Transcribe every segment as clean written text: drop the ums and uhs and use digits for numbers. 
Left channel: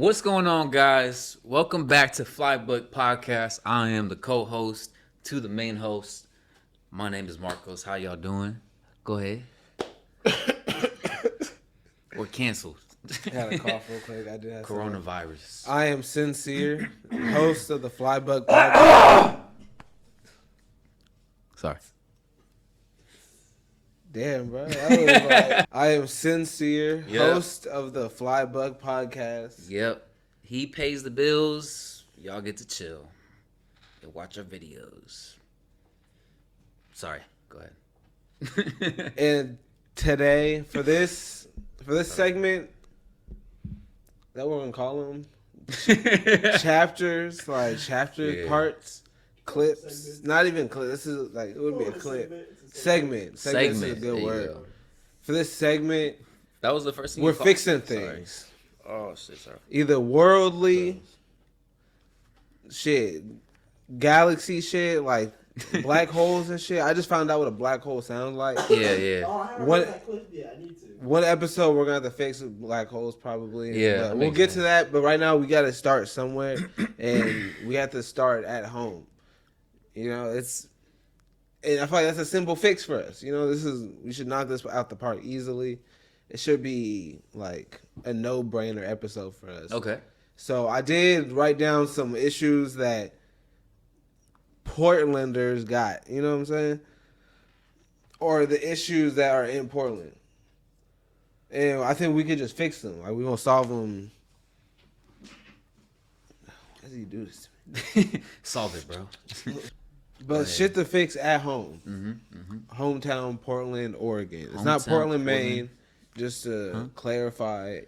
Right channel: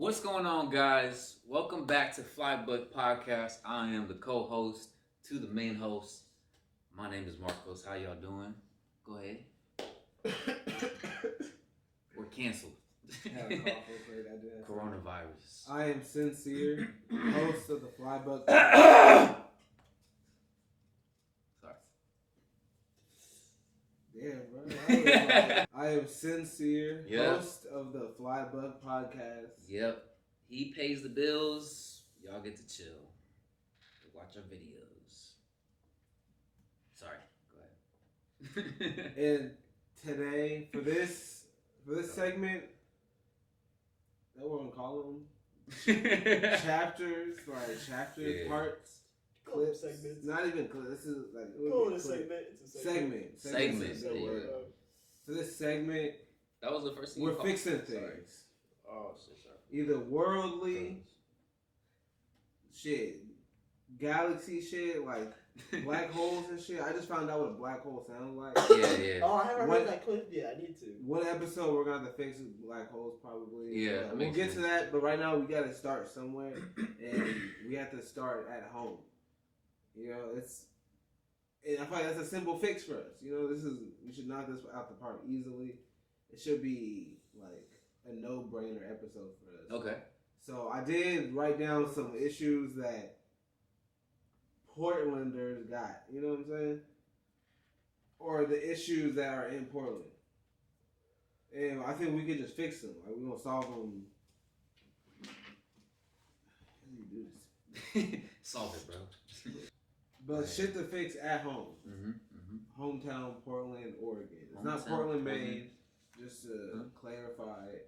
What's going on, guys? Welcome back to Flybuck Podcast. I am the co-host to the main host. My name is Marcos. How y'all doing? Go ahead. We're canceled. I had a cough real quick. I did have Coronavirus. I am Sincere, host of the Flybuck Podcast. Sorry. Damn, bro. I am Sincere, host of the Flybuck Podcast. Yep. He pays the bills. Y'all get to chill and watch our videos. Sorry. Go ahead. And today, for this segment, that we're gonna call them chapters, parts, clips. Not even clips. This is like it would be a clip. Segment. Segment is a good word. For this segment, that was the first thing we're fixing things. Oh shit! Sorry. Either worldly shit, galaxy shit, like black holes and shit. I just found out what a black hole sounds like. Yeah. Oh, I haven't heard that clip yet. I need to. One episode we're gonna have to fix black holes probably. Yeah, we'll get to that. But right now we gotta start somewhere, and we have to start at home. You know, and I feel like that's a simple fix for us. You know, we should knock this out the park easily. It should be like a no-brainer episode for us. Okay. So I did write down some issues that Portlanders got. You know what I'm saying? Or the issues that are in Portland. And I think we could just fix them. Like, we're going to solve them. How does he do this to me? Solve it, bro. But shit to fix at home. Mm-hmm. Hometown, Portland, Oregon. It's not Portland, Maine. Just to clarify,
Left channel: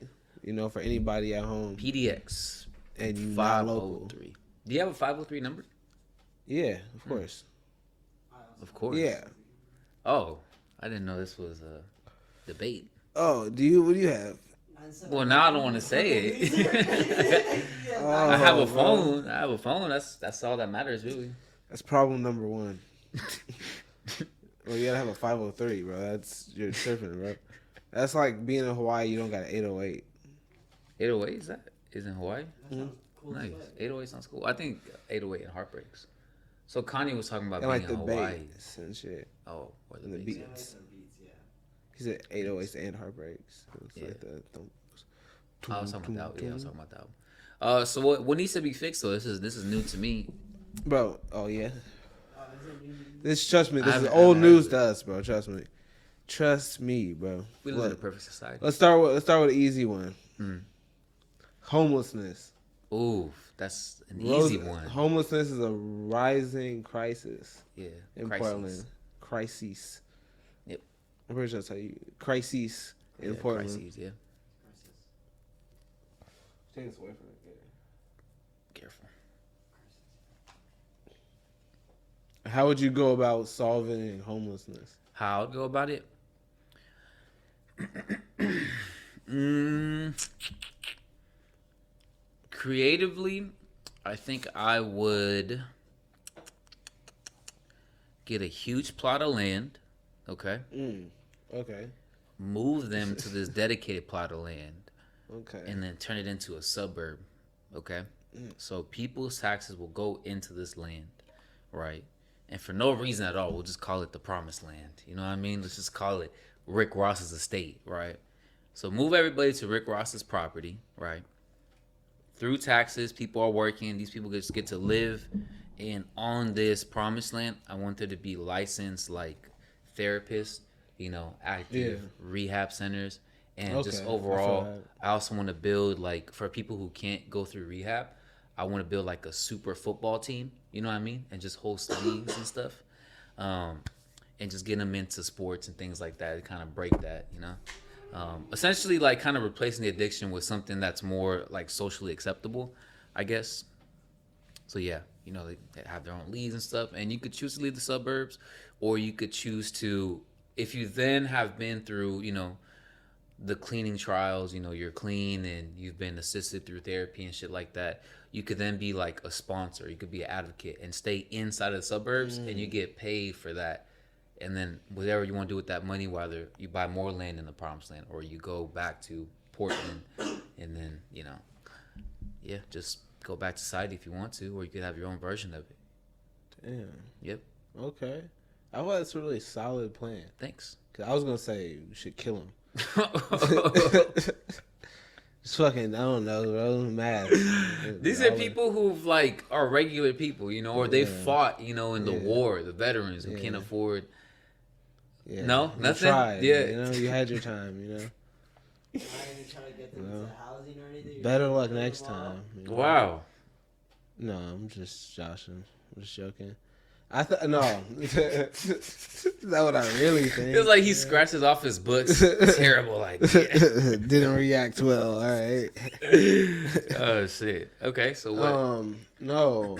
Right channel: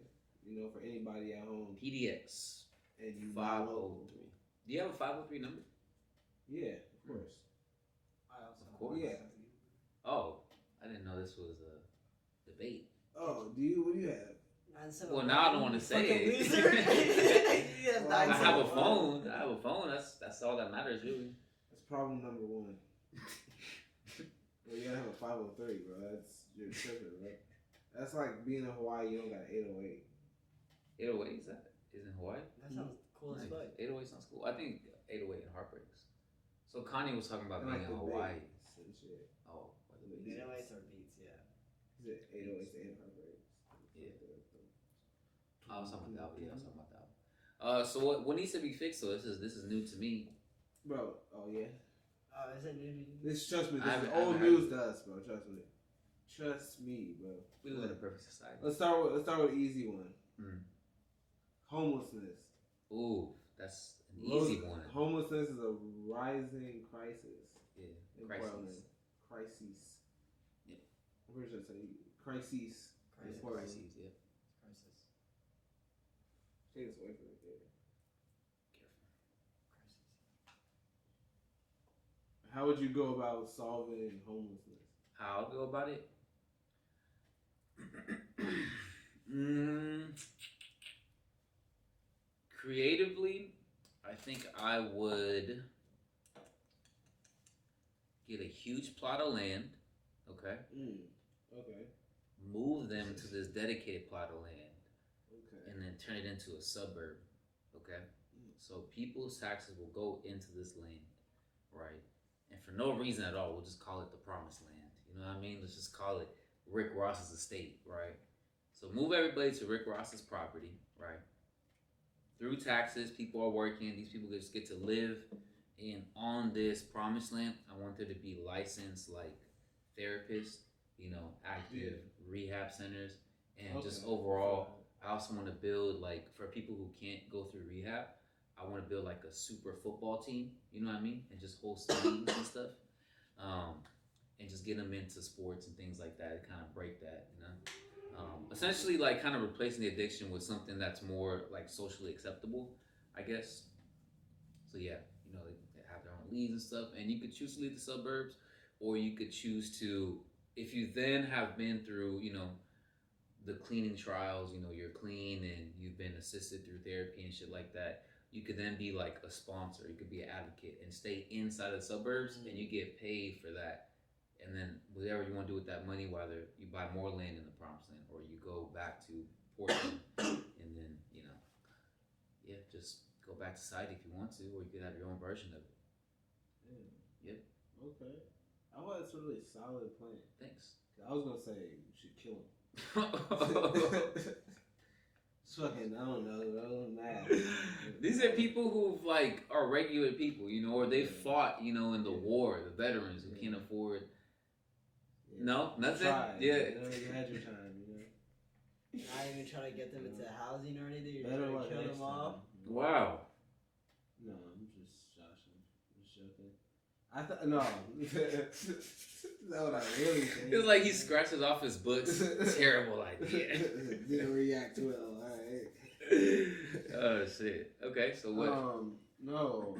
you know, for anybody at home. PDX. And you not local. Do you have a 503 number? Yeah, of course. Of course. Yeah. Oh, I didn't know this was a debate. Oh, what do you have? Well, now I don't want to say it. I have a phone. That's all that matters, really. That's problem number one. Well, you gotta have a 503, bro. You're tripping, bro. That's like being in Hawaii. You don't got an 808. 808 is in Hawaii? That sounds cool. Nice. 808 sounds cool. I think 808 and Heartbreaks. So Kanye was talking about and being like the in Hawaii. bass and shit. Oh, or And the beats. beats. He said 808s and Heartbreaks. Yeah. Like that. I was talking about that. Yeah, I was talking about that. So what needs to be fixed though? This is new to me, bro. Oh yeah. Trust me. I This is old news to us, bro. Trust me, bro. We live in a perfect society. Let's start with an easy one. Homelessness. Ooh, that's an easy one. Homelessness is a rising crisis. Yeah, in crises. Portland. Crises. Yep. I'm pretty sure that's how you. Crises in Portland. Crises, yeah. Take this away from it. Yeah. Careful. How would you go about solving homelessness? How I'd go about it? Creatively, I think I would get a huge plot of land, okay? Okay. Move them to this dedicated plot of land, Okay. and then turn it into a suburb, okay? So people's taxes will go into this land, right? And for no reason at all, we'll just call it the promised land. You know what I mean? Let's just call it Rick Ross's estate, right? So move everybody to Rick Ross's property, right? Through taxes, people are working. These people just get to live. And on this promised land, I want there to be licensed, like, therapists, you know, active rehab centers. And just overall, I also want to build, like, for people who can't go through rehab, I want to build, like, a super football team, you know what I mean? And just host leagues and stuff. And just get them into sports and things like that to kind of break that, you know? Essentially, like, kind of replacing the addiction with something that's more, like, socially acceptable, I guess. So, yeah, you know, they have their own leagues and stuff. And you could choose to leave the suburbs, or you could choose to, if you then have been through, you know, the cleaning trials, you know, you're clean and you've been assisted through therapy and shit like that, you could then be like a sponsor. You could be an advocate and stay inside of the suburbs, and you get paid for that. And then whatever you want to do with that money, whether you buy more land in the promised land or you go back to Portland and then, you know, yeah, just go back to society if you want to, or you could have your own version of it. Damn. Yep. Okay. I thought that's a really solid plan. Thanks. Cause I was gonna say we should kill him. Just fucking, I don't know, bro. Mad. These are people who like are regular people, you know, or they Yeah. fought, you know, in the Yeah. war, the veterans who can't Yeah. afford. Yeah. No? You Nothing? tried, Yeah. You know, you had your time. You know. Not even trying to get them No. into housing or anything. You're Better trying to luck kill next them all? time. you know? Wow. No, I'm just joshing. I'm just joking. I thought no. Is that what I really think? It was like he scratches off his books. Terrible idea. Didn't react well. All right. Oh shit. Okay, so what? No.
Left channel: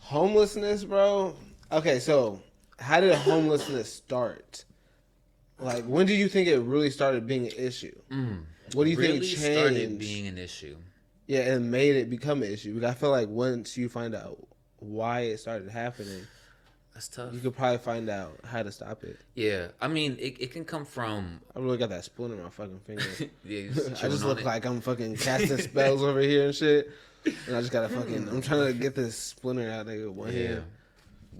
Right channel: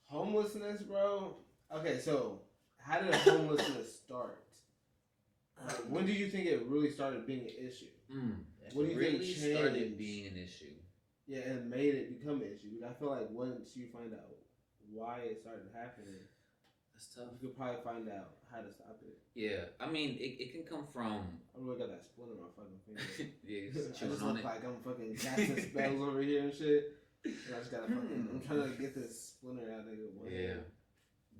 Homelessness, bro. Okay, so how did homelessness start? Like, when do you think it really started being an issue? What do you really think started changed? being an issue? Yeah, and made it become an issue. Because I feel like once you find out why it started happening, That's tough. you could probably find out how to stop it. Yeah, I mean, it can come from. I really got that splinter in my fucking finger. Yeah, I just look like I'm fucking casting spells over here and shit. And I just gotta fucking. I'm trying to get this splinter out of one hand.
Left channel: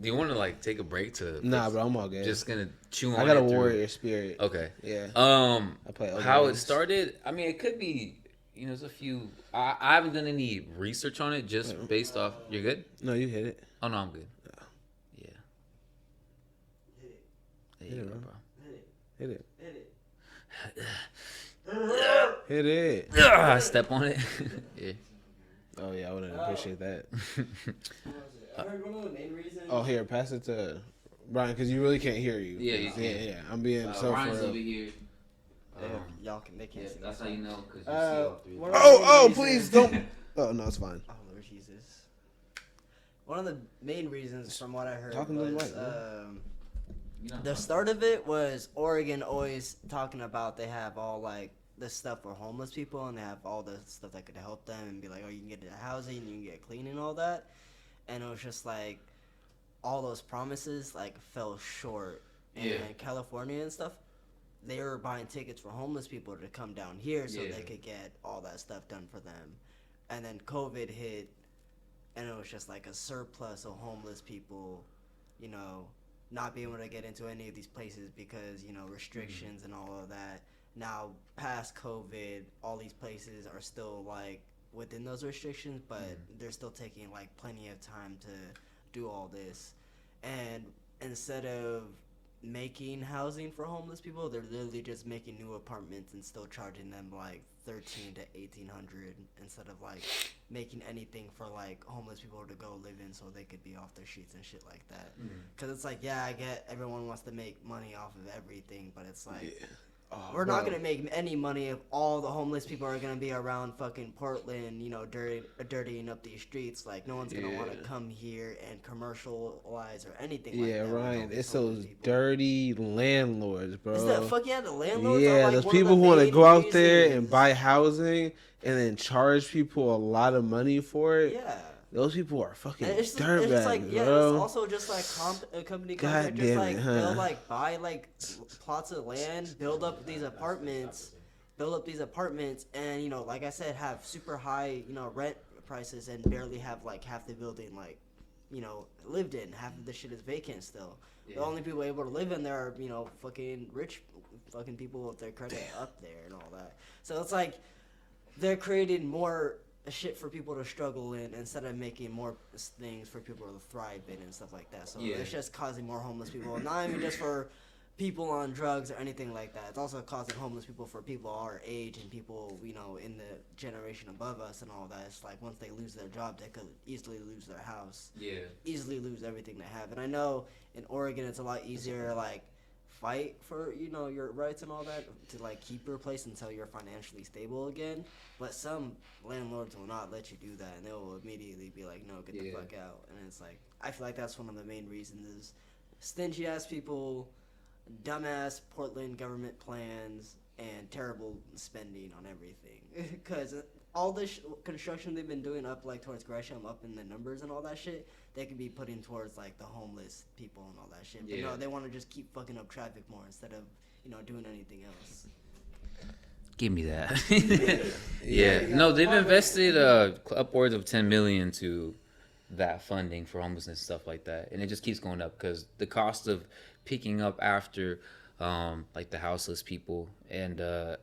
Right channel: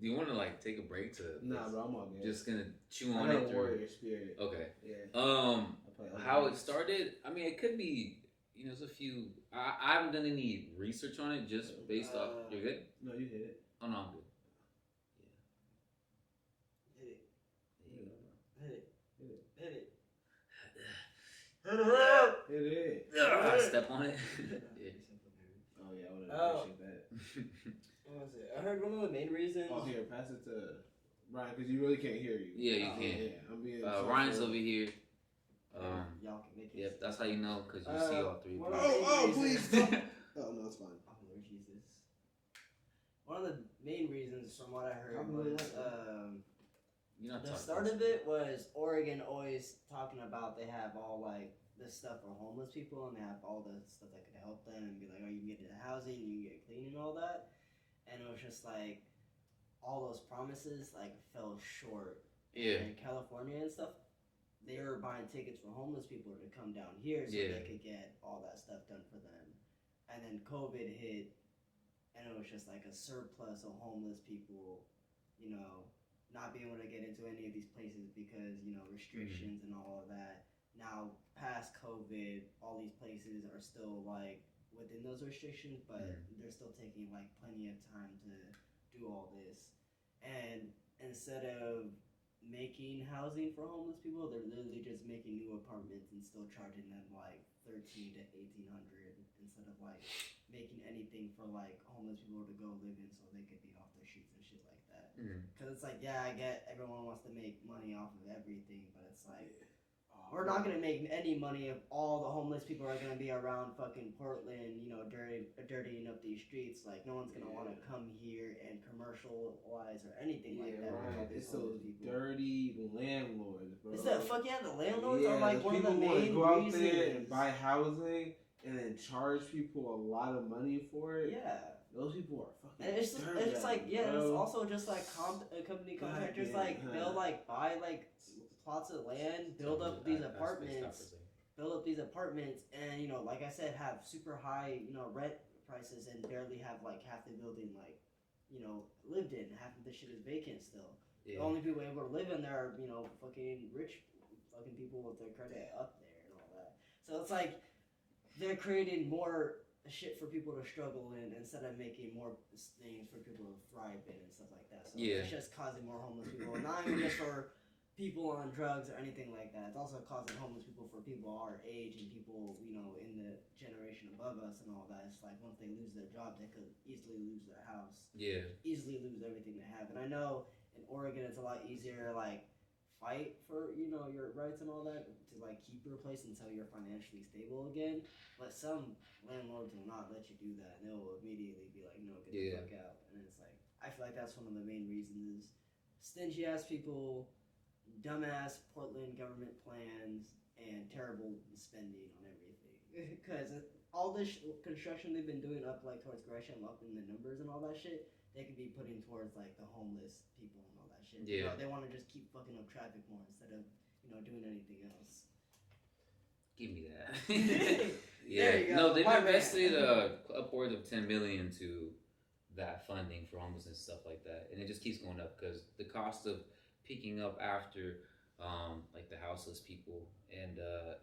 Do you want to like take a break to? Nah, bro, I'm all good. Just gonna chew on. I got a it through- warrior spirit. Okay. Yeah. I play other how it games. started. I mean, it could be. You know, there's a few. I haven't done any research on it, just based off. You're good? No, you hit it. Oh no, I'm good. Yeah. Hit it. There you Hit go, it, bro. Hit it. Hit it. Hit it. Hit it. I step on it. Yeah. Oh yeah, I would Oh. appreciate that. What was it? I heard one of the main reasons. Oh, here, pass it to Brian, because you really can't hear you. Yeah, you can't. Yeah, I'm being so. Ryan's for real. over here. Y'all can make Yeah, it. that's how you know, because you see all three. what of are- them. Oh, please don't. Oh no, it's fine. Oh Lord Jesus. One of the main reasons, from what I heard, Talking to the was mic, You know, the start of it was Oregon always talking about they have all like this stuff for homeless people and they have all the stuff that could help them and be like, oh, you can get into housing, you can get clean and all that. And it was just like all those promises like fell short. Yeah. And in California and stuff, they were buying tickets for homeless people to come down here so Yeah. they could get all that stuff done for them. And then COVID hit, and it was just like a surplus of homeless people, you know, not being able to get into any of these places because, you know, restrictions and all of that. Now, past COVID, all these places are still like within those restrictions, but they're still taking like plenty of time to do all this. And instead of making housing for homeless people, they're literally just making new apartments and still charging them like $1,300 to $1,800 instead of like making anything for like homeless people to go live in so they could be off their streets and shit like that. Because it's like, yeah, I get everyone wants to make money off of everything, but it's like we're not gonna make any money if all the homeless people are gonna be around fucking Portland, you know, dirtying up these streets. Like no one's gonna want to come here and commercialize or anything like Yeah, that. with all right. these It's homeless those people. dirty landlords, bro. Is that fuck yeah, the landlords? Yeah, are like those one of people the who want to main go out there and reasons. buy housing and then charge people a lot of money for it. Yeah. Those people are fucking And it's just dirtbags, like, yeah, bro. it's also just like a company God just damn like it, huh? they'll like buy like plots of land, build up these apartments, and you know, like I said, have super high, you know, rent prices and barely have like half the building like, you know, lived in. Half of the shit is vacant still. The only people able to live in there are, you know, fucking rich fucking people with their credit up there and all that. So it's like they're creating more shit for people to struggle in instead of making more things for people to thrive in and stuff like that. So it's just causing more homeless people. Not even just for people on drugs or anything like that. It's also causing homeless people for people our age and people, you know, in the generation above us and all that. It's like once they lose their job, they could easily lose their house. Yeah. Easily lose everything they have. And I know in Oregon it's a lot easier to like fight for, you know, your rights and all that to like keep your place until you're financially stable again. But some landlords will not let you do that and they will immediately be like, no, get the fuck out. And it's like I feel like that's one of the main reasons is stingy ass people, dumbass Portland government plans, and terrible spending on everything. Because all this construction they've been doing up like towards Gresham, up in the numbers and all that shit, they could be putting towards like the homeless people and all that shit. But no, they want to just keep fucking up traffic more instead of, you know, doing anything else. Give me that. Yeah. Yeah. No, they've invested upwards of 10 million to that funding for homelessness and stuff like that, and it just keeps going up because the cost of picking up after like the houseless people and the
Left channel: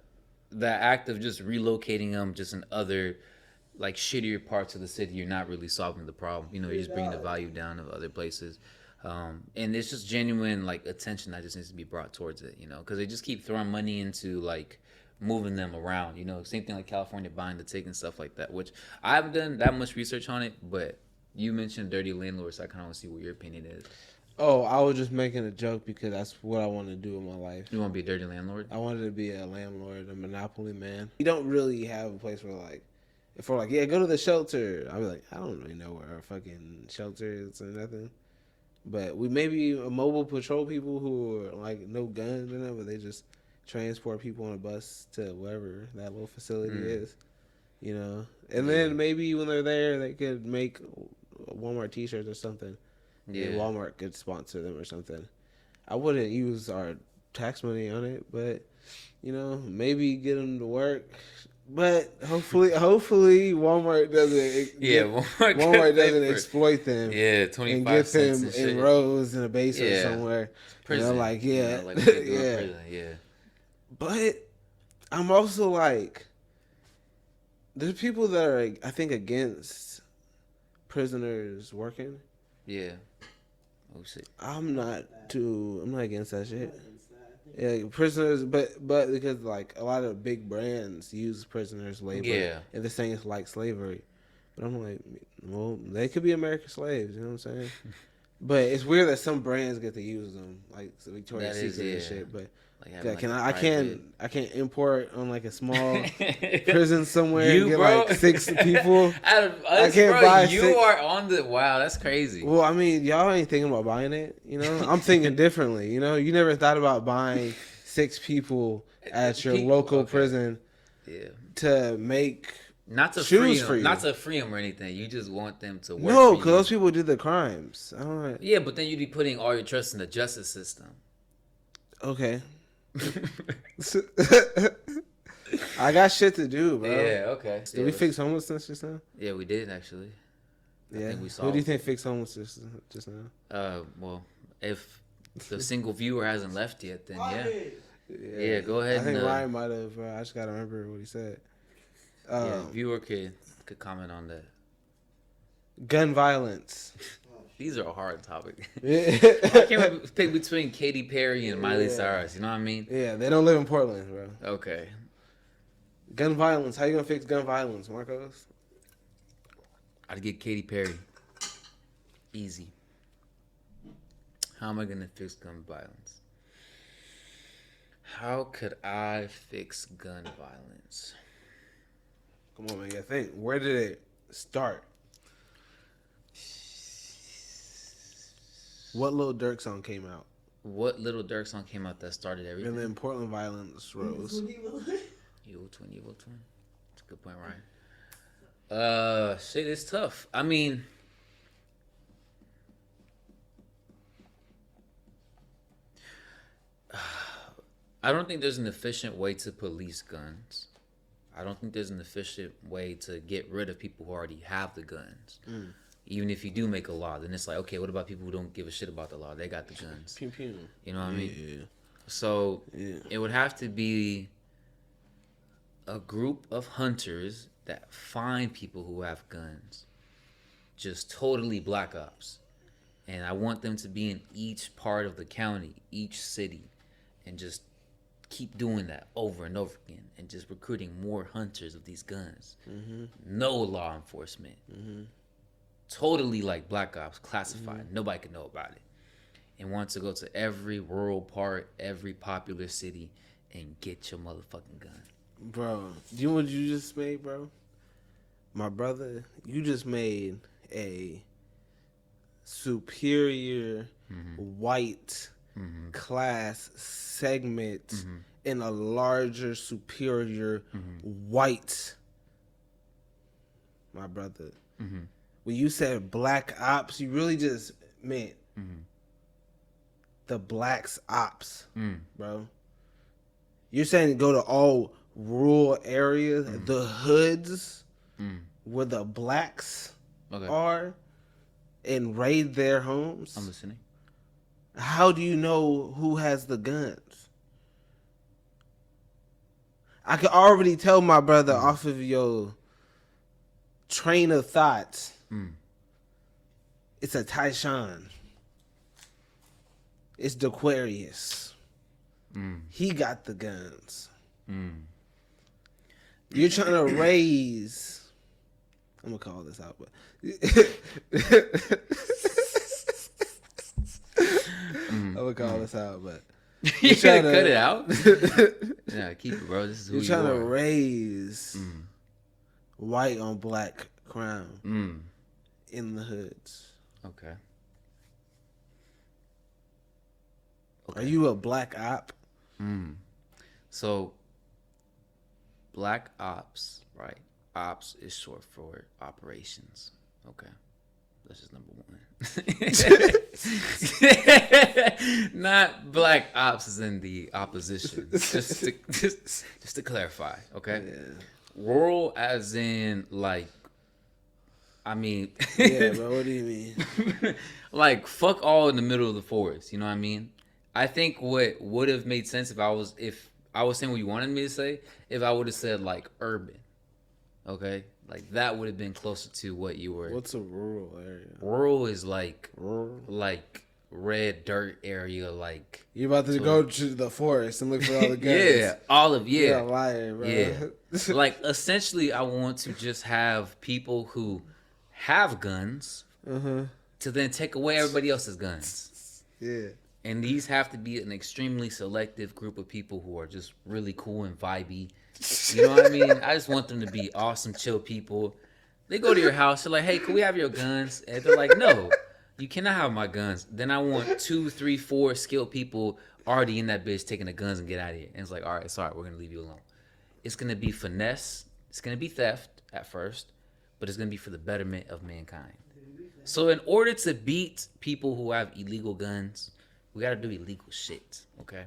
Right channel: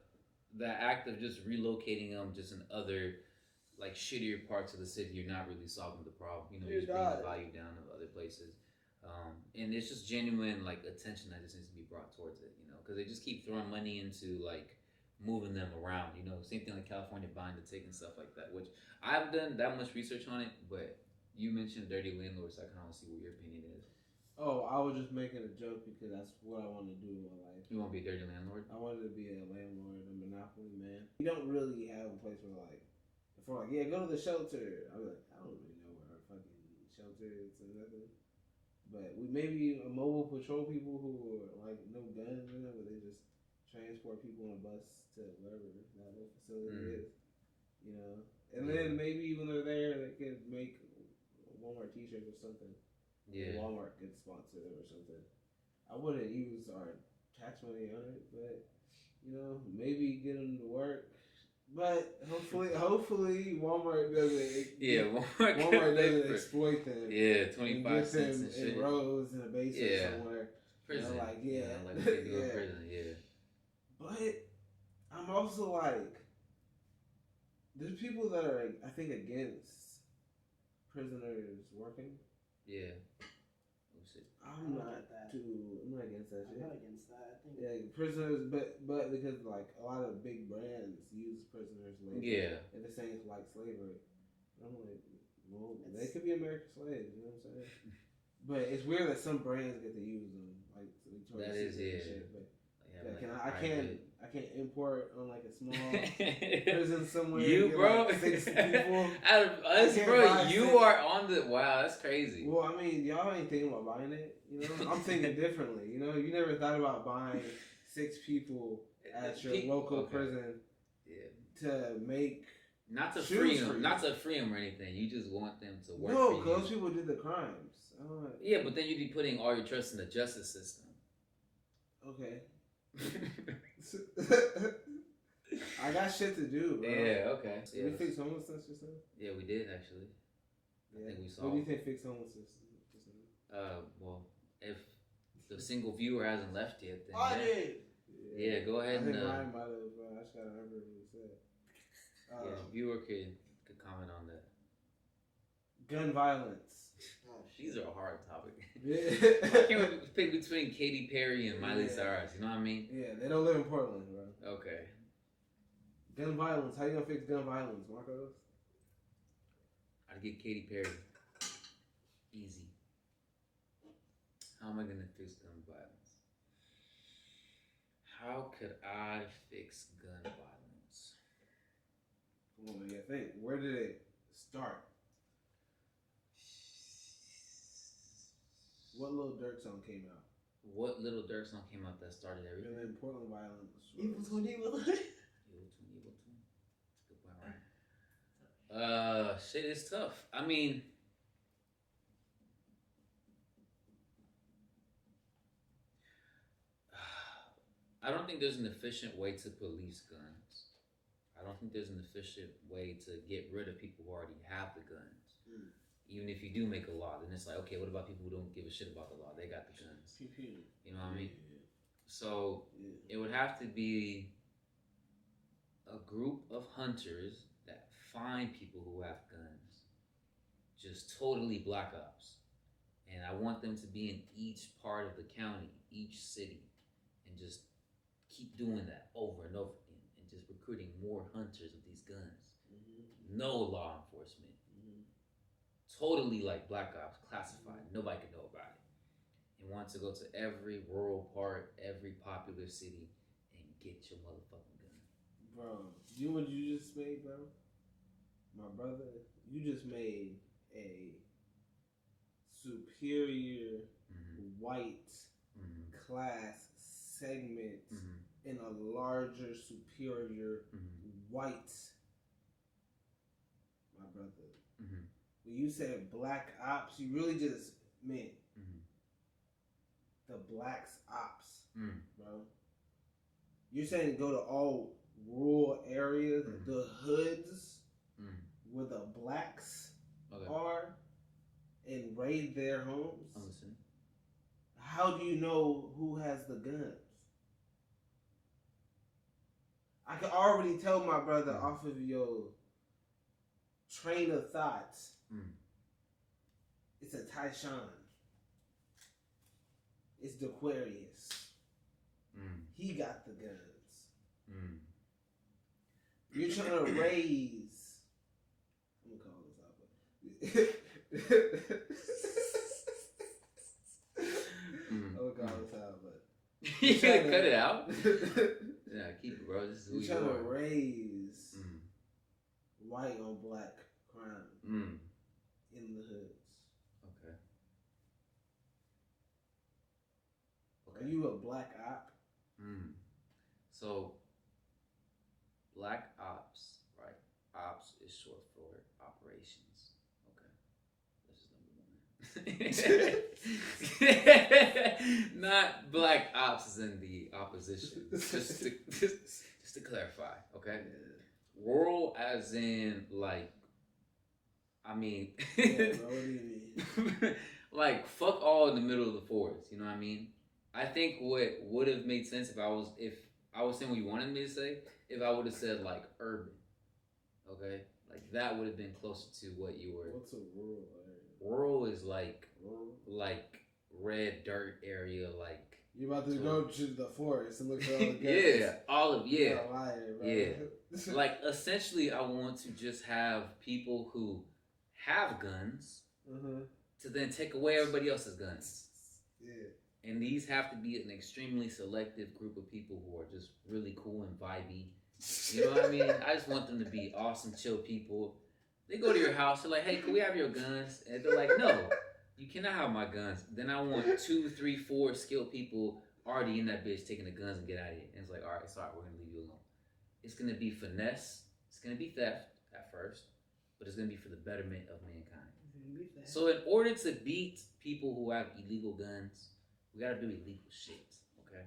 act of just relocating them just in other like shittier parts of the city, you're not really solving the problem. You know, you're just bringing the value down of other places. And it's just genuine like attention that just needs to be brought towards it, you know, because they just keep throwing money into like moving them around, you know, same thing like California buying the ticket and stuff like that, which I haven't done that much research on it, but you mentioned dirty landlords, so I kind of want to see what your opinion is. Oh, I was just making a joke because that's what I want to do in my life. You want to be a dirty landlord? I wanted to be a landlord, a monopoly man. You don't really have a place where like, if we're like, yeah, go to the shelter. I'll be like, I don't really know where our fucking shelter is or nothing. But we maybe a mobile patrol people who are like no guns or nothing, but they just transport people on a bus to wherever that little facility is, you know. And then maybe when they're there, they could make Walmart T-shirts or something. Yeah, Walmart could sponsor them or something. I wouldn't use our tax money on it, but you know, maybe get them to work. But hopefully, Walmart doesn't. Walmart doesn't exploit them. Yeah, 25 cents and get them in rows in a basement somewhere. Prison. You know, like like yeah. prison, yeah. But I'm also like, there's people that are, I think, against prisoners working. Yeah. Oh shit. I'm not against that shit. Yeah, prisoners, but because like a lot of big brands use prisoners' labor. Yeah. And they're saying it's like slavery. But I'm like, well, they could be American slaves. You know what I'm saying? But it's weird that some brands get to use them, like Victoria's Secret and shit. But I can't import on like a small prison somewhere and get like 6 people. I can't buy. You are on the wow. That's crazy. Well, I mean, y'all ain't thinking about buying it. You know, I'm thinking differently. You know, you never thought about buying 6 people at your local prison. Yeah. To make. Not to free them, not to free them or anything. You just want them to work. No, because those people did the crimes. Yeah, but then you'd be putting all your trust in the justice system. Okay. I got shit to do, bro. Yeah, okay. Did we fix homelessness just now? Yeah, we did actually. Yeah. I think we saw. What do you think fixed homelessness just now? Well, if the single viewer hasn't left yet, then yeah, go ahead. I think Ryan might have. I just gotta remember what he said. Viewer could comment on that. Gun violence. These are a hard topic. I can't pick between Katy Perry and Miley Cyrus. You know what I mean? Yeah, they don't live in Portland, bro. Okay. Gun violence. How you gonna fix gun violence, Marcos? I'd get Katy Perry. Easy. How am I gonna fix gun violence? How could I fix gun violence? Come on, man. You think. Where did it start? What Lil Durk song came out? What Little Durk song came out that started everything? And then Portland violence rose. Evil twin. That's a good point, right? Shit, it's tough. I mean, I don't think there's an efficient way to police guns. I don't think there's an efficient way to get rid of people who already have the guns. Even if you do make a law, then it's like, okay, what about people who don't give a shit about the law? They got the guns. Pew, pew. You know what I mean? So it would have to be a group of hunters that find people who have guns. Just totally black ops. And I want them to be in each part of the county, each city, and just keep doing that over and over again and just recruiting more hunters of these guns. No law enforcement. Totally like black ops, classified. Nobody can know about it. And want to go to every rural part, every popular city, and get your motherfucking gun. Bro, do you know what you just made, bro? My brother, you just made a superior white class segment in a larger, superior white. My brother. When you said black ops, you really just meant the blacks ops, bro. You're saying go to all rural areas, the hoods Mm. where the blacks Okay. are, and raid their homes? I'm listening. How do you know who has the guns? I can already tell my brother off of your train of thought. Mm. It's a Tyshawn. It's DeQuarius. Mm. He got the guns. Mm. You're trying to raise. I'm gonna call this out, but I'm gonna call this out, but You trying gotta to- cut it out. Yeah, keep it, bro. This is who you're you trying to are. raise Mm. white on black crime Mm. in the hoods. Okay. Are you a black op? Mm. So, black ops, right? Ops is short for operations. Okay. That's just number one. Not black ops is in the opposition. Just to clarify, okay? Yeah. Rural as in like, I mean, Yeah, bro. What do you mean? like fuck all in the middle of the forest. You know what I mean? I think what would have made sense if I was saying what you wanted me to say, if I would have said like urban, okay, like that would have been closer to what you were. What's a rural area? Rural is like Rural. red dirt area, like You about to go to the forest and look for all the guns? yeah, all of You're yeah. a liar, bro. Yeah. Like essentially, I want to just have people who have guns to then take away everybody else's guns. Yeah. And these have to be an extremely selective group of people who are just really cool and vibey. You know what I mean? I just want them to be awesome, chill people. They go to your house, they're like, hey, can we have your guns? And they're like, no, you cannot have my guns. Then I want 2, 3, 4 skilled people already in that bitch taking the guns and get out of here. And it's like, all right, sorry, we're going to leave you alone. It's going to be finesse. It's going to be theft at first, but it's going to be for the betterment of mankind. So in order to beat people who have illegal guns, we got to do illegal shit, okay?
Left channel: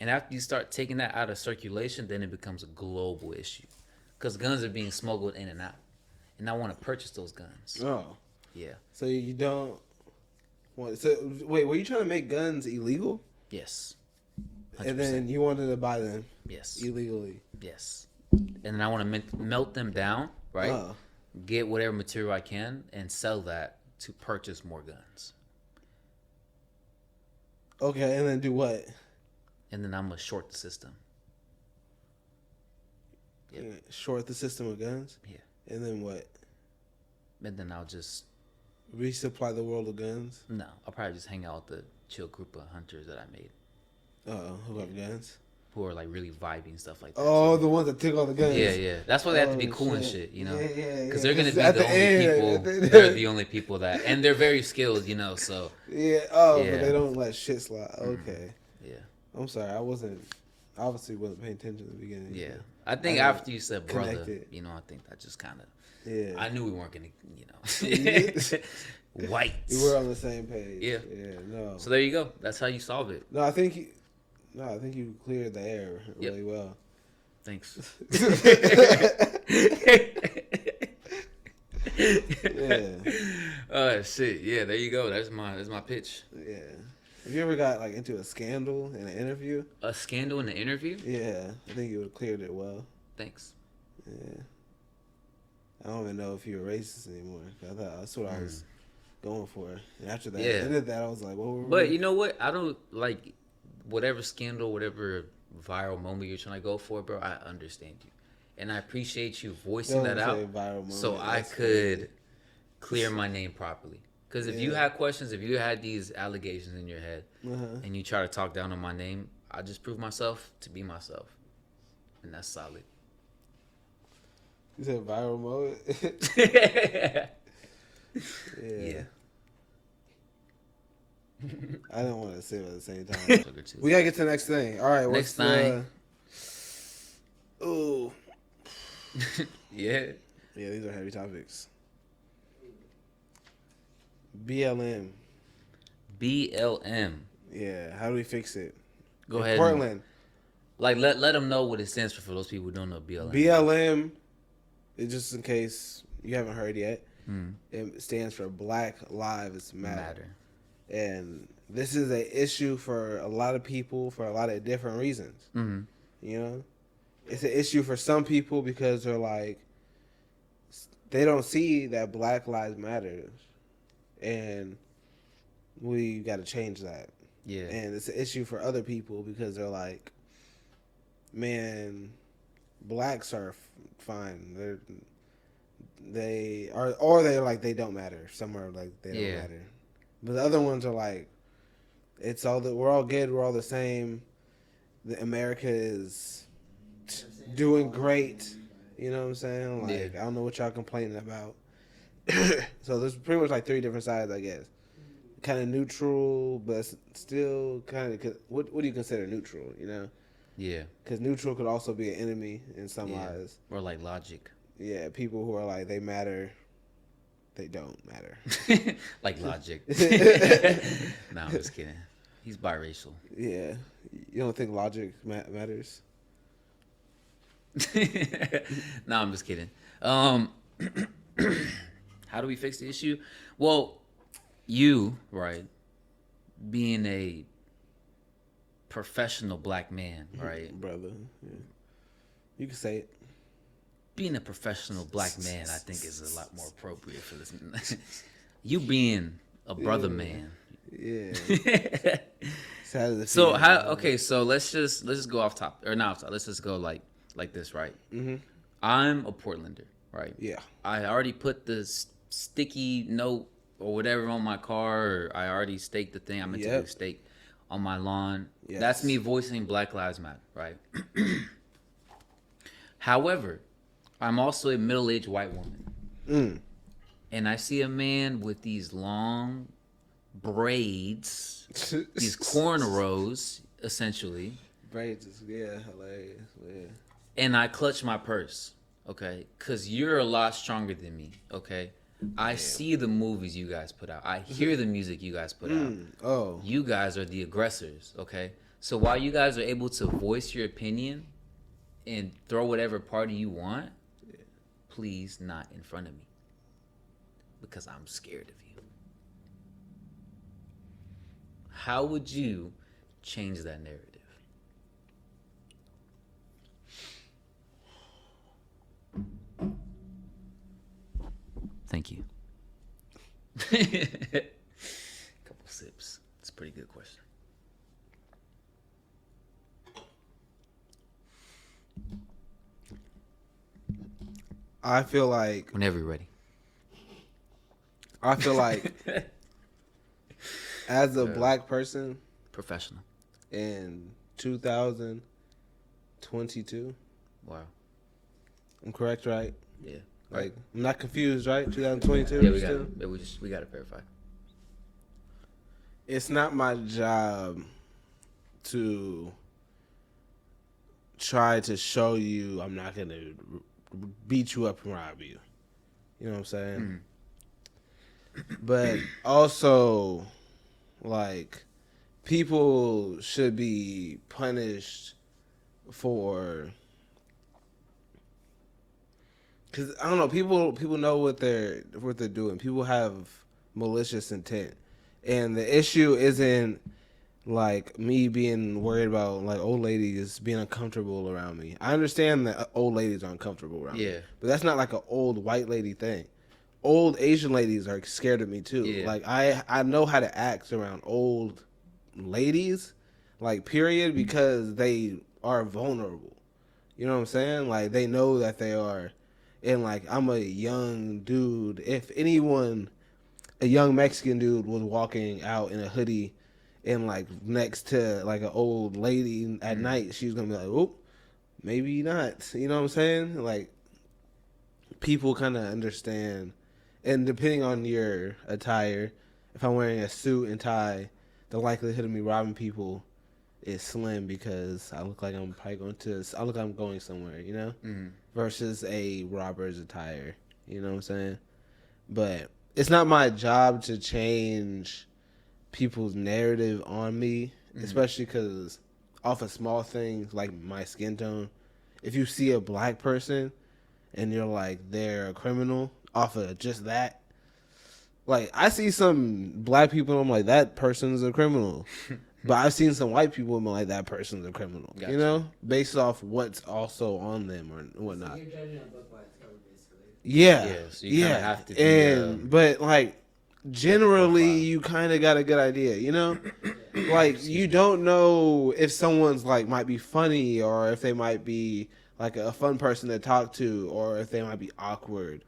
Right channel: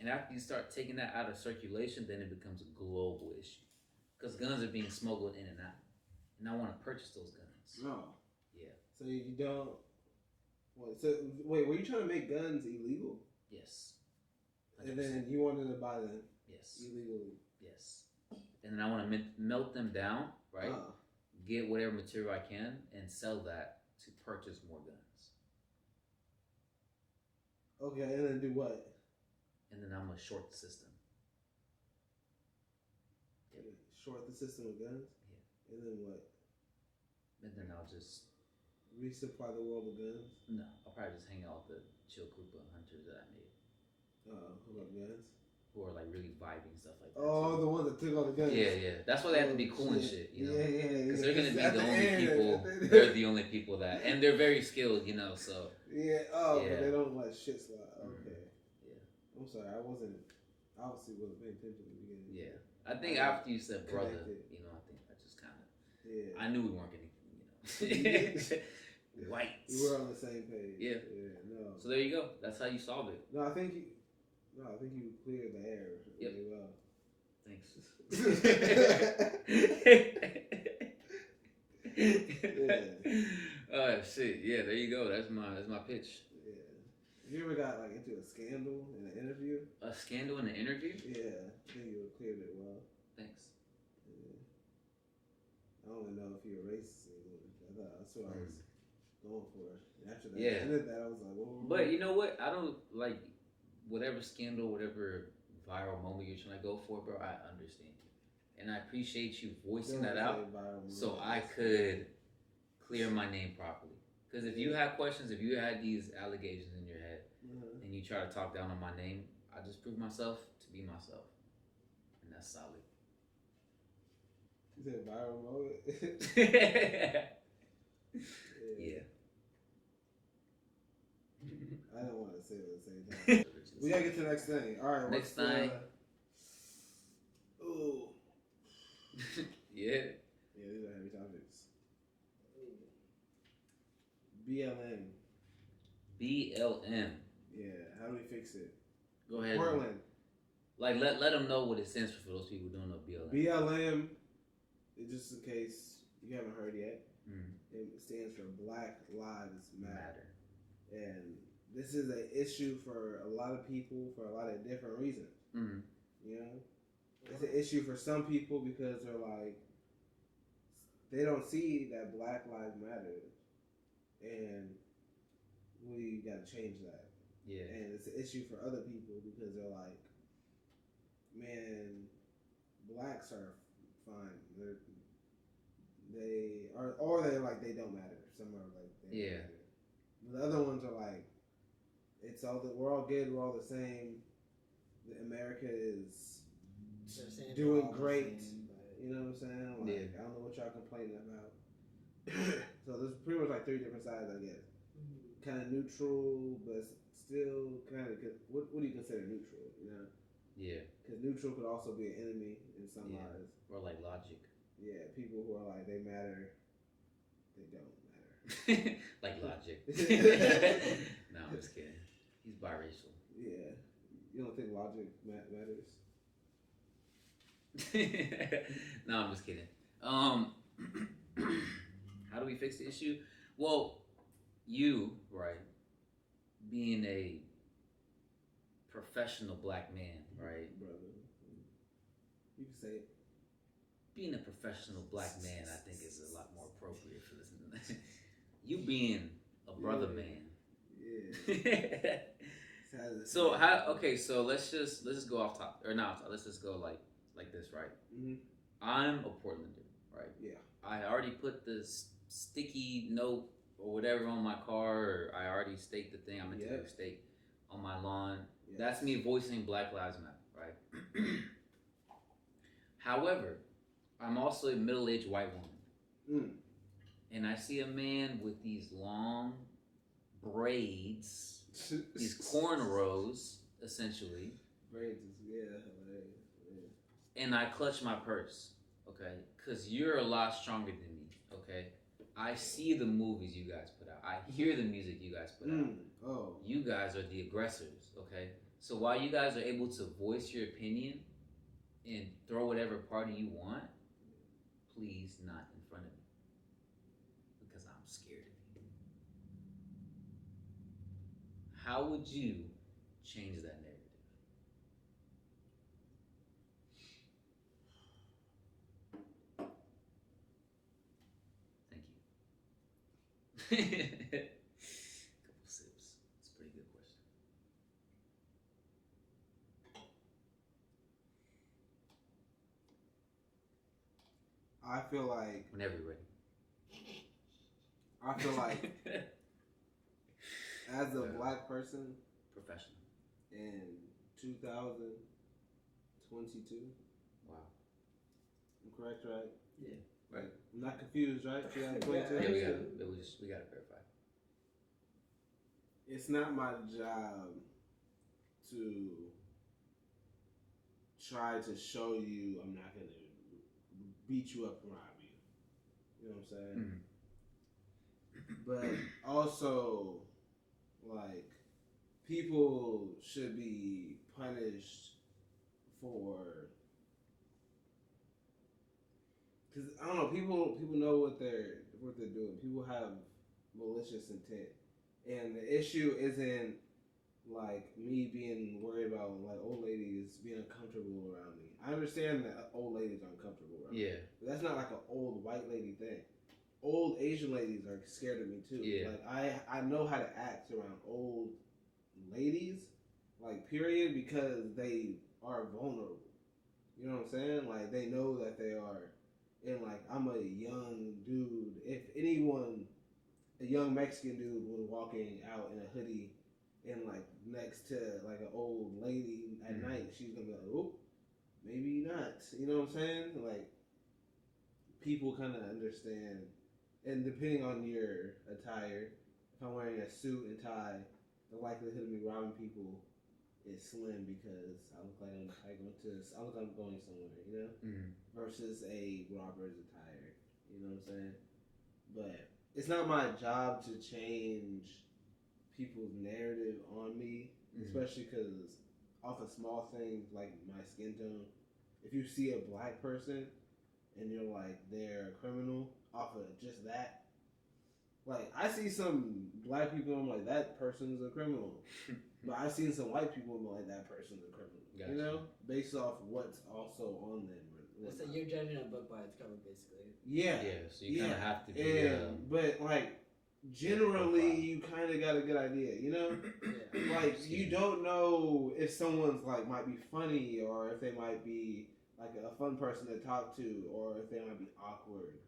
And after you start taking that out of circulation, then it becomes a global issue. Because guns are being smuggled in and out. And I want to purchase those guns. Oh. Yeah. So you don't want. So wait, were you trying to make guns illegal? Yes. 100%. And then you wanted to buy them Yes. illegally? Yes. And then I want to melt them down, right? Oh. Get whatever material I can and sell that to purchase more guns. Okay, and then do what? And then I'm going to short the system. Yep. Short the system of guns? Yeah. And then what? And then I'll just, Resupply the world of guns? no, I'll probably just hang out with the chill group of hunters that I made Who have guns? who are like really vibey and stuff like that. Oh, So- the ones that took all the guns. yeah, yeah. That's why they have to be Oh, cool and shit, you know? Yeah. Because they're going to be At the only end. people, they're the only people that, and they're very skilled, you know, so, Yeah. Yeah. But they don't let shit slide. Okay. yeah. I'm sorry. I obviously wasn't paying attention at the beginning. Yeah. I think I after you said brother, connected. you know, I think that just kind of, Yeah. I knew we weren't going to, you know, white. We were on the same page. Yeah. Yeah. No. So there you go. That's how you solve it. I think you cleared the air really well. Thanks. Yeah. Shit. Yeah, there you go. That's my pitch. Yeah. Have you ever got like into a scandal in an interview? A scandal in the interview? Yeah. I think you would have cleared it well. Thanks. Yeah. I don't even know if you were racist anymore. I thought that's what I was going for. And after that, Yeah. ended that, I was like, what were But we? you know what? I don't like whatever scandal, whatever viral moment you're trying to go for, bro. I understand you, and I appreciate you voicing Don't that say out, viral moment. so I That's could clear my name properly. Because if you Yeah. had questions, if you had these allegations in your head, Uh-huh. and you try to talk down on my name, I just prove myself to be myself, and that's solid. You said viral moment? Yeah. Yeah. I don't want to say it at the same time. We gotta get to the next thing. All right. Next what's thing. Ooh. Yeah. Yeah, these are heavy topics. BLM. BLM. Yeah. How do we fix it? Go In ahead. Portland. Like let them know what it stands for those people who don't know BLM. BLM, just in case you haven't heard yet, Mm. it stands for Black Lives Matter. Matter. And this is an issue for a lot of people for a lot of different reasons. Mm-hmm. You know, it's an issue for some people because they're like, they don't see that Black Lives Matters, and we got to change that. Yeah. And it's an issue for other people because they're like, man, blacks are fine. They're like they don't matter. Some are like they don't matter. But the other ones are like, we're all good. We're all the same. America is doing great. You know what I'm saying? Like, I don't know what y'all complaining about. So there's pretty much like three different sides, I guess. Kind of neutral, but still kind of. What do you consider neutral? You know? Yeah. Because neutral could also be an enemy in some eyes. Or like logic. Yeah, people who are like they matter, they don't matter. Like logic. No, I'm just kidding. He's biracial. Yeah, you don't think logic matters? No, I'm just kidding. How do we fix the issue? Well, you, right, being a professional black man, right? Brother. Yeah. You can say it. Being a professional black man, I think, is a lot more appropriate for this. You being a brother man. Yeah. So how? Okay, so let's just go off top or not off top. Let's just go like this, right? Mm-hmm. I'm a Portlander, right? Yeah. I already put the sticky note or whatever on my car, or I already staked the thing. I'm meant to do stake on my lawn. Yes. That's me voicing Black Lives Matter, right? However, I'm also a middle-aged white woman, and I see a man with these long braids, these cornrows, essentially. Braids, yeah, hilarious. Yeah. And I clutch my purse, okay? Because you're a lot stronger than me, okay? I see the movies you guys put out. I hear the music you guys put out. Oh. You guys are the aggressors, okay? So while you guys are able to voice your opinion and throw whatever party you want, please not in front of me. Because I'm scared of you. How would you change that narrative? Thank you. Couple sips. It's a pretty good question. I feel like Whenever you're ready. As a black person Professional. in 2022, Wow. I'm correct, right? Yeah. Like, I'm not confused, right? 2022. Yeah, still? we got to verify. It's not my job to try to show you I'm not gonna beat you up and rob you. You know what I'm saying? But also, like, people should be punished for. Cause I don't know, people know what they're doing. People have malicious intent, and the issue isn't like me being worried about like old ladies being uncomfortable around me. I understand that old ladies are uncomfortable around me, but that's not like an old white lady thing. Old Asian ladies are scared of me too. Yeah. Like I know how to act around old ladies, like period, because they are vulnerable. You know what I'm saying? Like they know that they are. And, like, I'm a young dude. If anyone, a young Mexican dude was walking out in a hoodie and, like, next to, like, an old lady at night, she's going to be like, oh, maybe not. You know what I'm saying? Like, people kind of understand. And depending on your attire, if I'm wearing a suit and tie, the likelihood of me robbing people is slim because I look like I'm going somewhere, you know? Versus a robber's attire, you know what I'm saying? But it's not my job to change people's narrative on me, especially because off of small things like my skin tone. If you see a black person and you're like they're a criminal off of just that, like I see some black people and I'm like that person's a criminal. But I've seen some white people and I'm like that person's a criminal. Gotcha. You know? Based off what's also on them or whatnot. So you're judging a book by its cover, basically. Yeah. So you kinda have to be, and but like generally you kind of got a good idea, you know? Like you don't know if someone's like might be funny or if they might be like a fun person to talk to or if they might be awkward.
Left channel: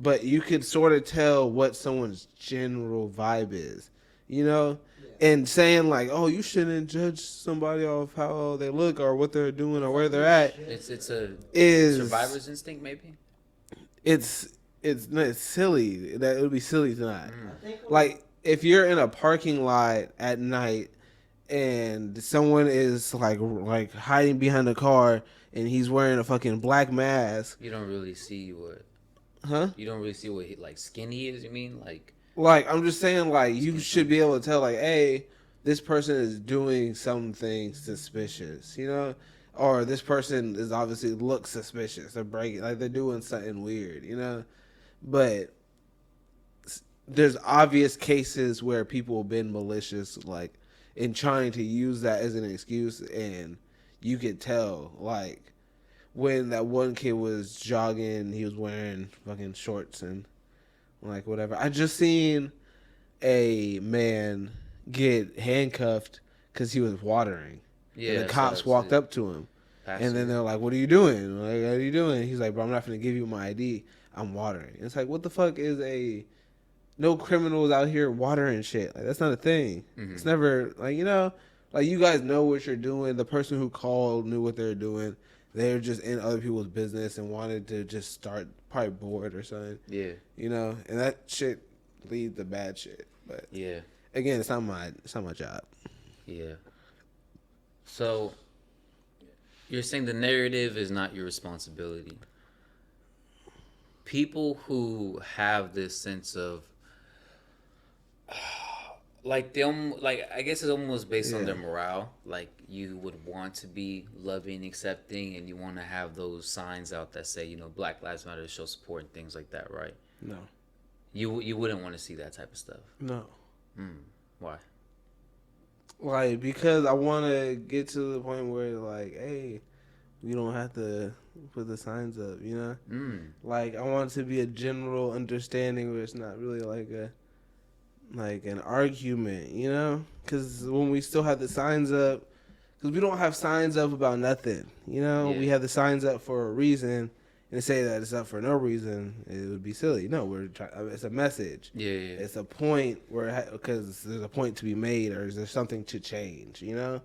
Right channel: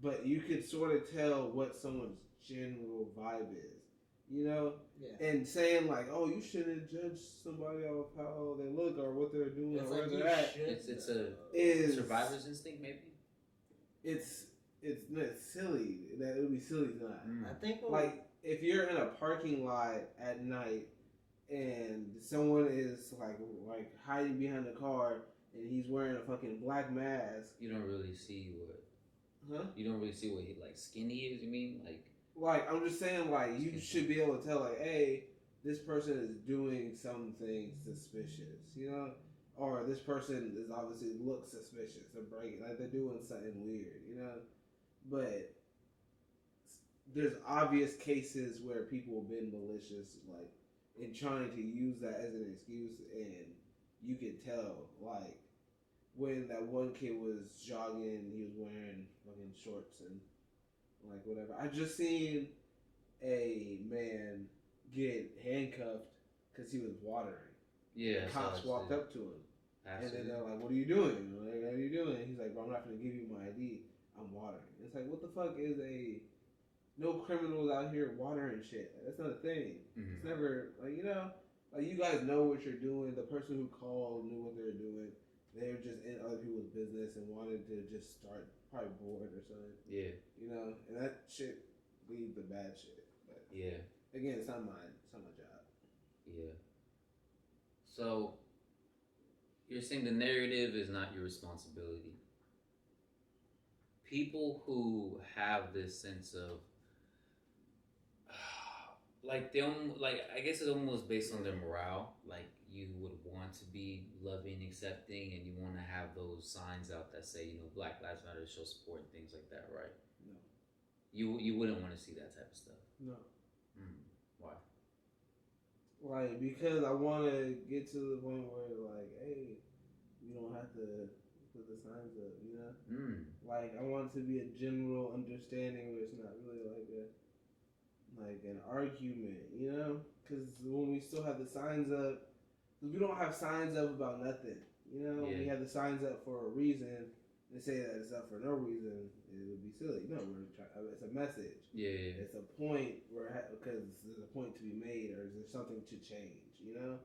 But you could sort of tell what someone's general vibe is, you know? Yeah. And saying like, "Oh, you shouldn't judge somebody off how they look or what they're doing or where they're at." It's a Is survivor's instinct, maybe. it's silly. That it would be silly to not. I think Like if you're in a parking lot at night and someone is like hiding behind a car and he's wearing a fucking black mask, You don't really see what huh? you don't really see what he like skinny is. You mean like Like I'm just saying, like you should be able to tell, like, hey, this person is doing something suspicious, you know, or this person is obviously looks suspicious. They're breaking, like they're doing something weird, you know. But there's obvious cases where people have been malicious, like in trying to use that as an excuse, and you could tell, like when that one kid was jogging, he was wearing fucking shorts and like whatever. I just seen a man get handcuffed because he was watering. yeah. And the cops walked up to him, and then they're like, "What are you doing? Like, what are you doing?" He's like, "Bro, I'm not gonna give you my ID. I'm watering." It's like, what the fuck is a no criminals out here watering shit? Like that's not a thing. Mhm. It's never like like you guys know what you're doing. The person who called knew what they're doing. They're just in other people's business and wanted to just start, probably bored or something. Yeah. You know, and that shit leads to bad shit. But Yeah. again, it's not my job. Yeah. So you're saying the narrative is not your responsibility. People who have this sense of like I guess it's almost based on their morale. Like you would want to be loving, accepting, and you want to have those signs out that say, Black Lives Matter, show support, and things like that, right? No. You wouldn't want to see that type of stuff. No. Why? Like because I want to get to the point where like, hey, we don't have to put the signs up, you know? Like I want it to be a general understanding where it's not really like an argument, you know? Because when we still have the signs up, because we don't have signs up about nothing, you know? Yeah. We have the signs up for a reason, and to say that it's up for no reason, it would be silly. No, it's a message. Yeah. It's a point because there's a point to be made, or is there something to change, you know?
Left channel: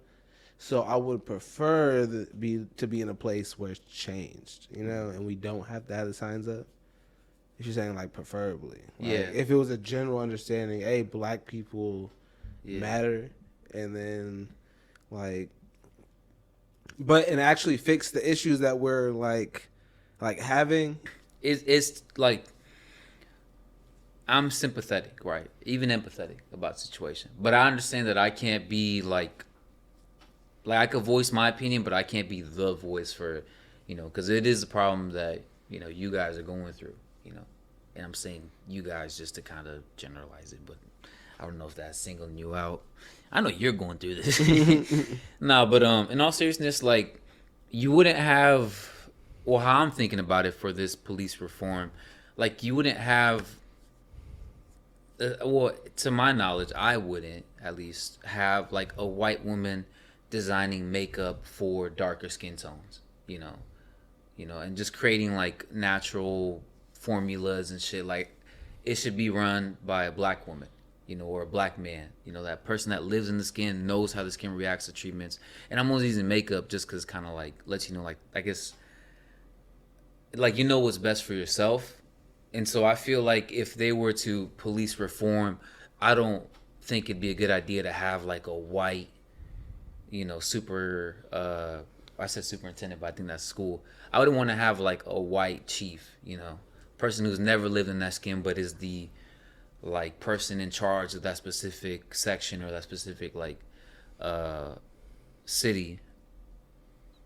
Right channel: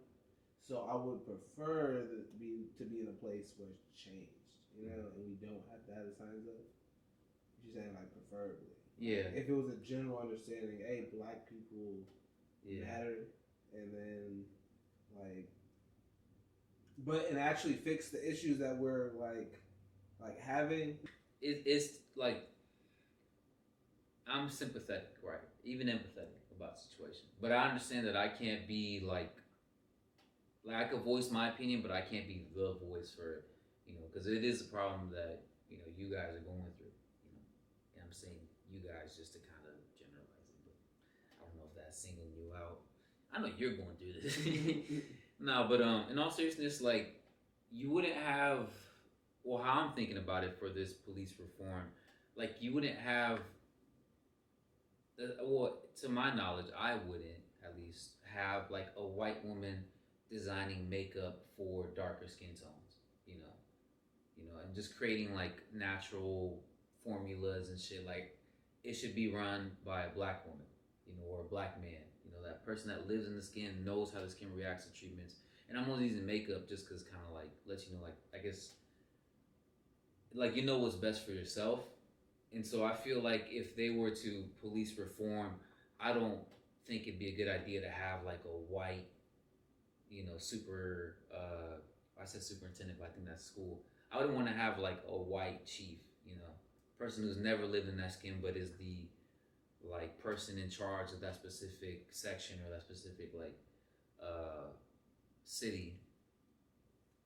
So I would prefer to be in a place where it's changed, you know, and we don't have to have the signs up. If you're saying like preferably, Yeah. If it was a general understanding, hey, black people matter, and then and actually fix the issues that we're like having. It's like I'm sympathetic, right? Even empathetic about the situation, but I understand that I can't be like I could voice my opinion, but I can't be the voice for, because it is a problem that you guys are going through, and I'm saying you guys just to kind of generalize it, but I don't know if that's singling you out. I know you're going through this. No, but in all seriousness, like you wouldn't have, or how I'm thinking about it for this police reform, like you wouldn't have. Well, to my knowledge, I wouldn't at least have like a white woman designing makeup for darker skin tones, and just creating like natural formulas and shit. Like it should be run by a black woman, or a black man, that person that lives in the skin, knows how the skin reacts to treatments. And I'm only using makeup just because kind of like lets you know, like I guess, like what's best for yourself. And so I feel like if they were to police reform, I don't think it'd be a good idea to have like a white, I said superintendent, but I think that's school. I wouldn't want to have like a white chief, person who's never lived in that skin, but is the like person in charge of that specific section or that specific like city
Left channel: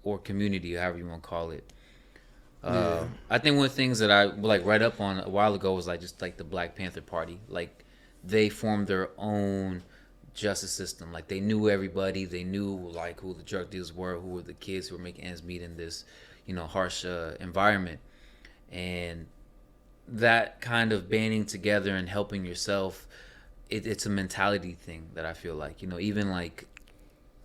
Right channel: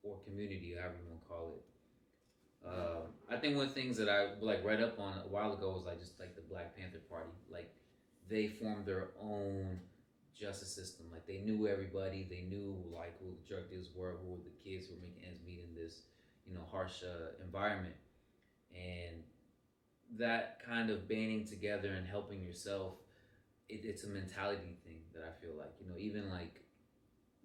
or community, however you want to call it. Yeah. I think one of the things that I like read up on a while ago was like just like the Black Panther Party. Like they formed their own justice system. Like they knew everybody. They knew like who the drug dealers were, who were the kids who were making ends meet in this, harsh environment. And that kind of banding together and helping yourself, it's a mentality thing that I feel like, even like,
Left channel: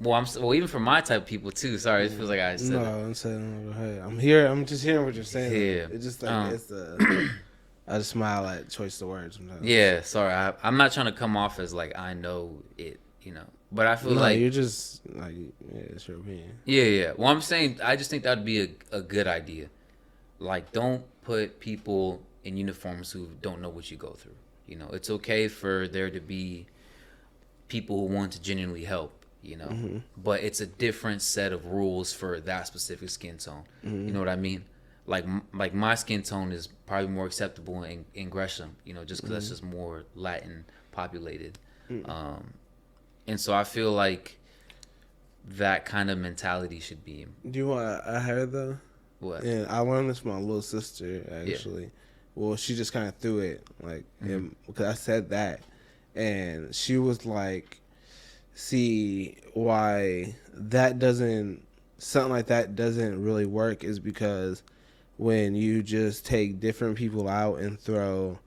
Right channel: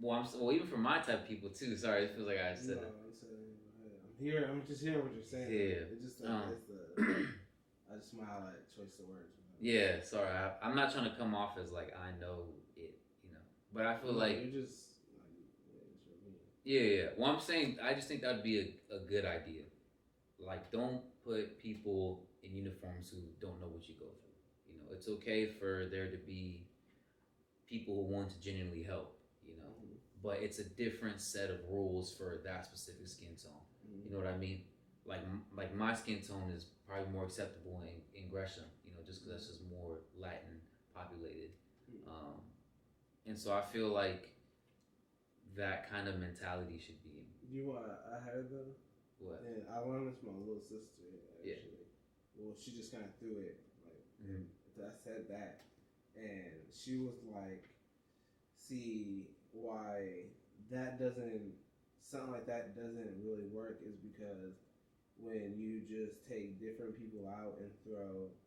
even for my type of people too. Sorry, it feels like I said No, that. I'm saying, hey, I'm here. I'm just hearing what you're saying. Yeah. It's just like I just smile at choice of words sometimes. Yeah, sorry, I'm not trying to come off as like I know it, but I feel No, like you're just like, yeah, it's your opinion. yeah. Well, I'm saying I just think that would be a good idea. Like, don't put people in uniforms who don't know what you go through. It's okay for there to be people who want to genuinely help. But it's a different set of rules for that specific skin tone. You know what I mean? Like my skin tone is probably more acceptable in Gresham, just because that's just more Latin populated. And so I feel like that kind of mentality should be. Do you want I heard though? What? And I learned this from my little sister actually. Yeah. Well, she just kind of threw it like because I said that, and she was like, "See why something like that doesn't really work is because when you just take different people out and throw."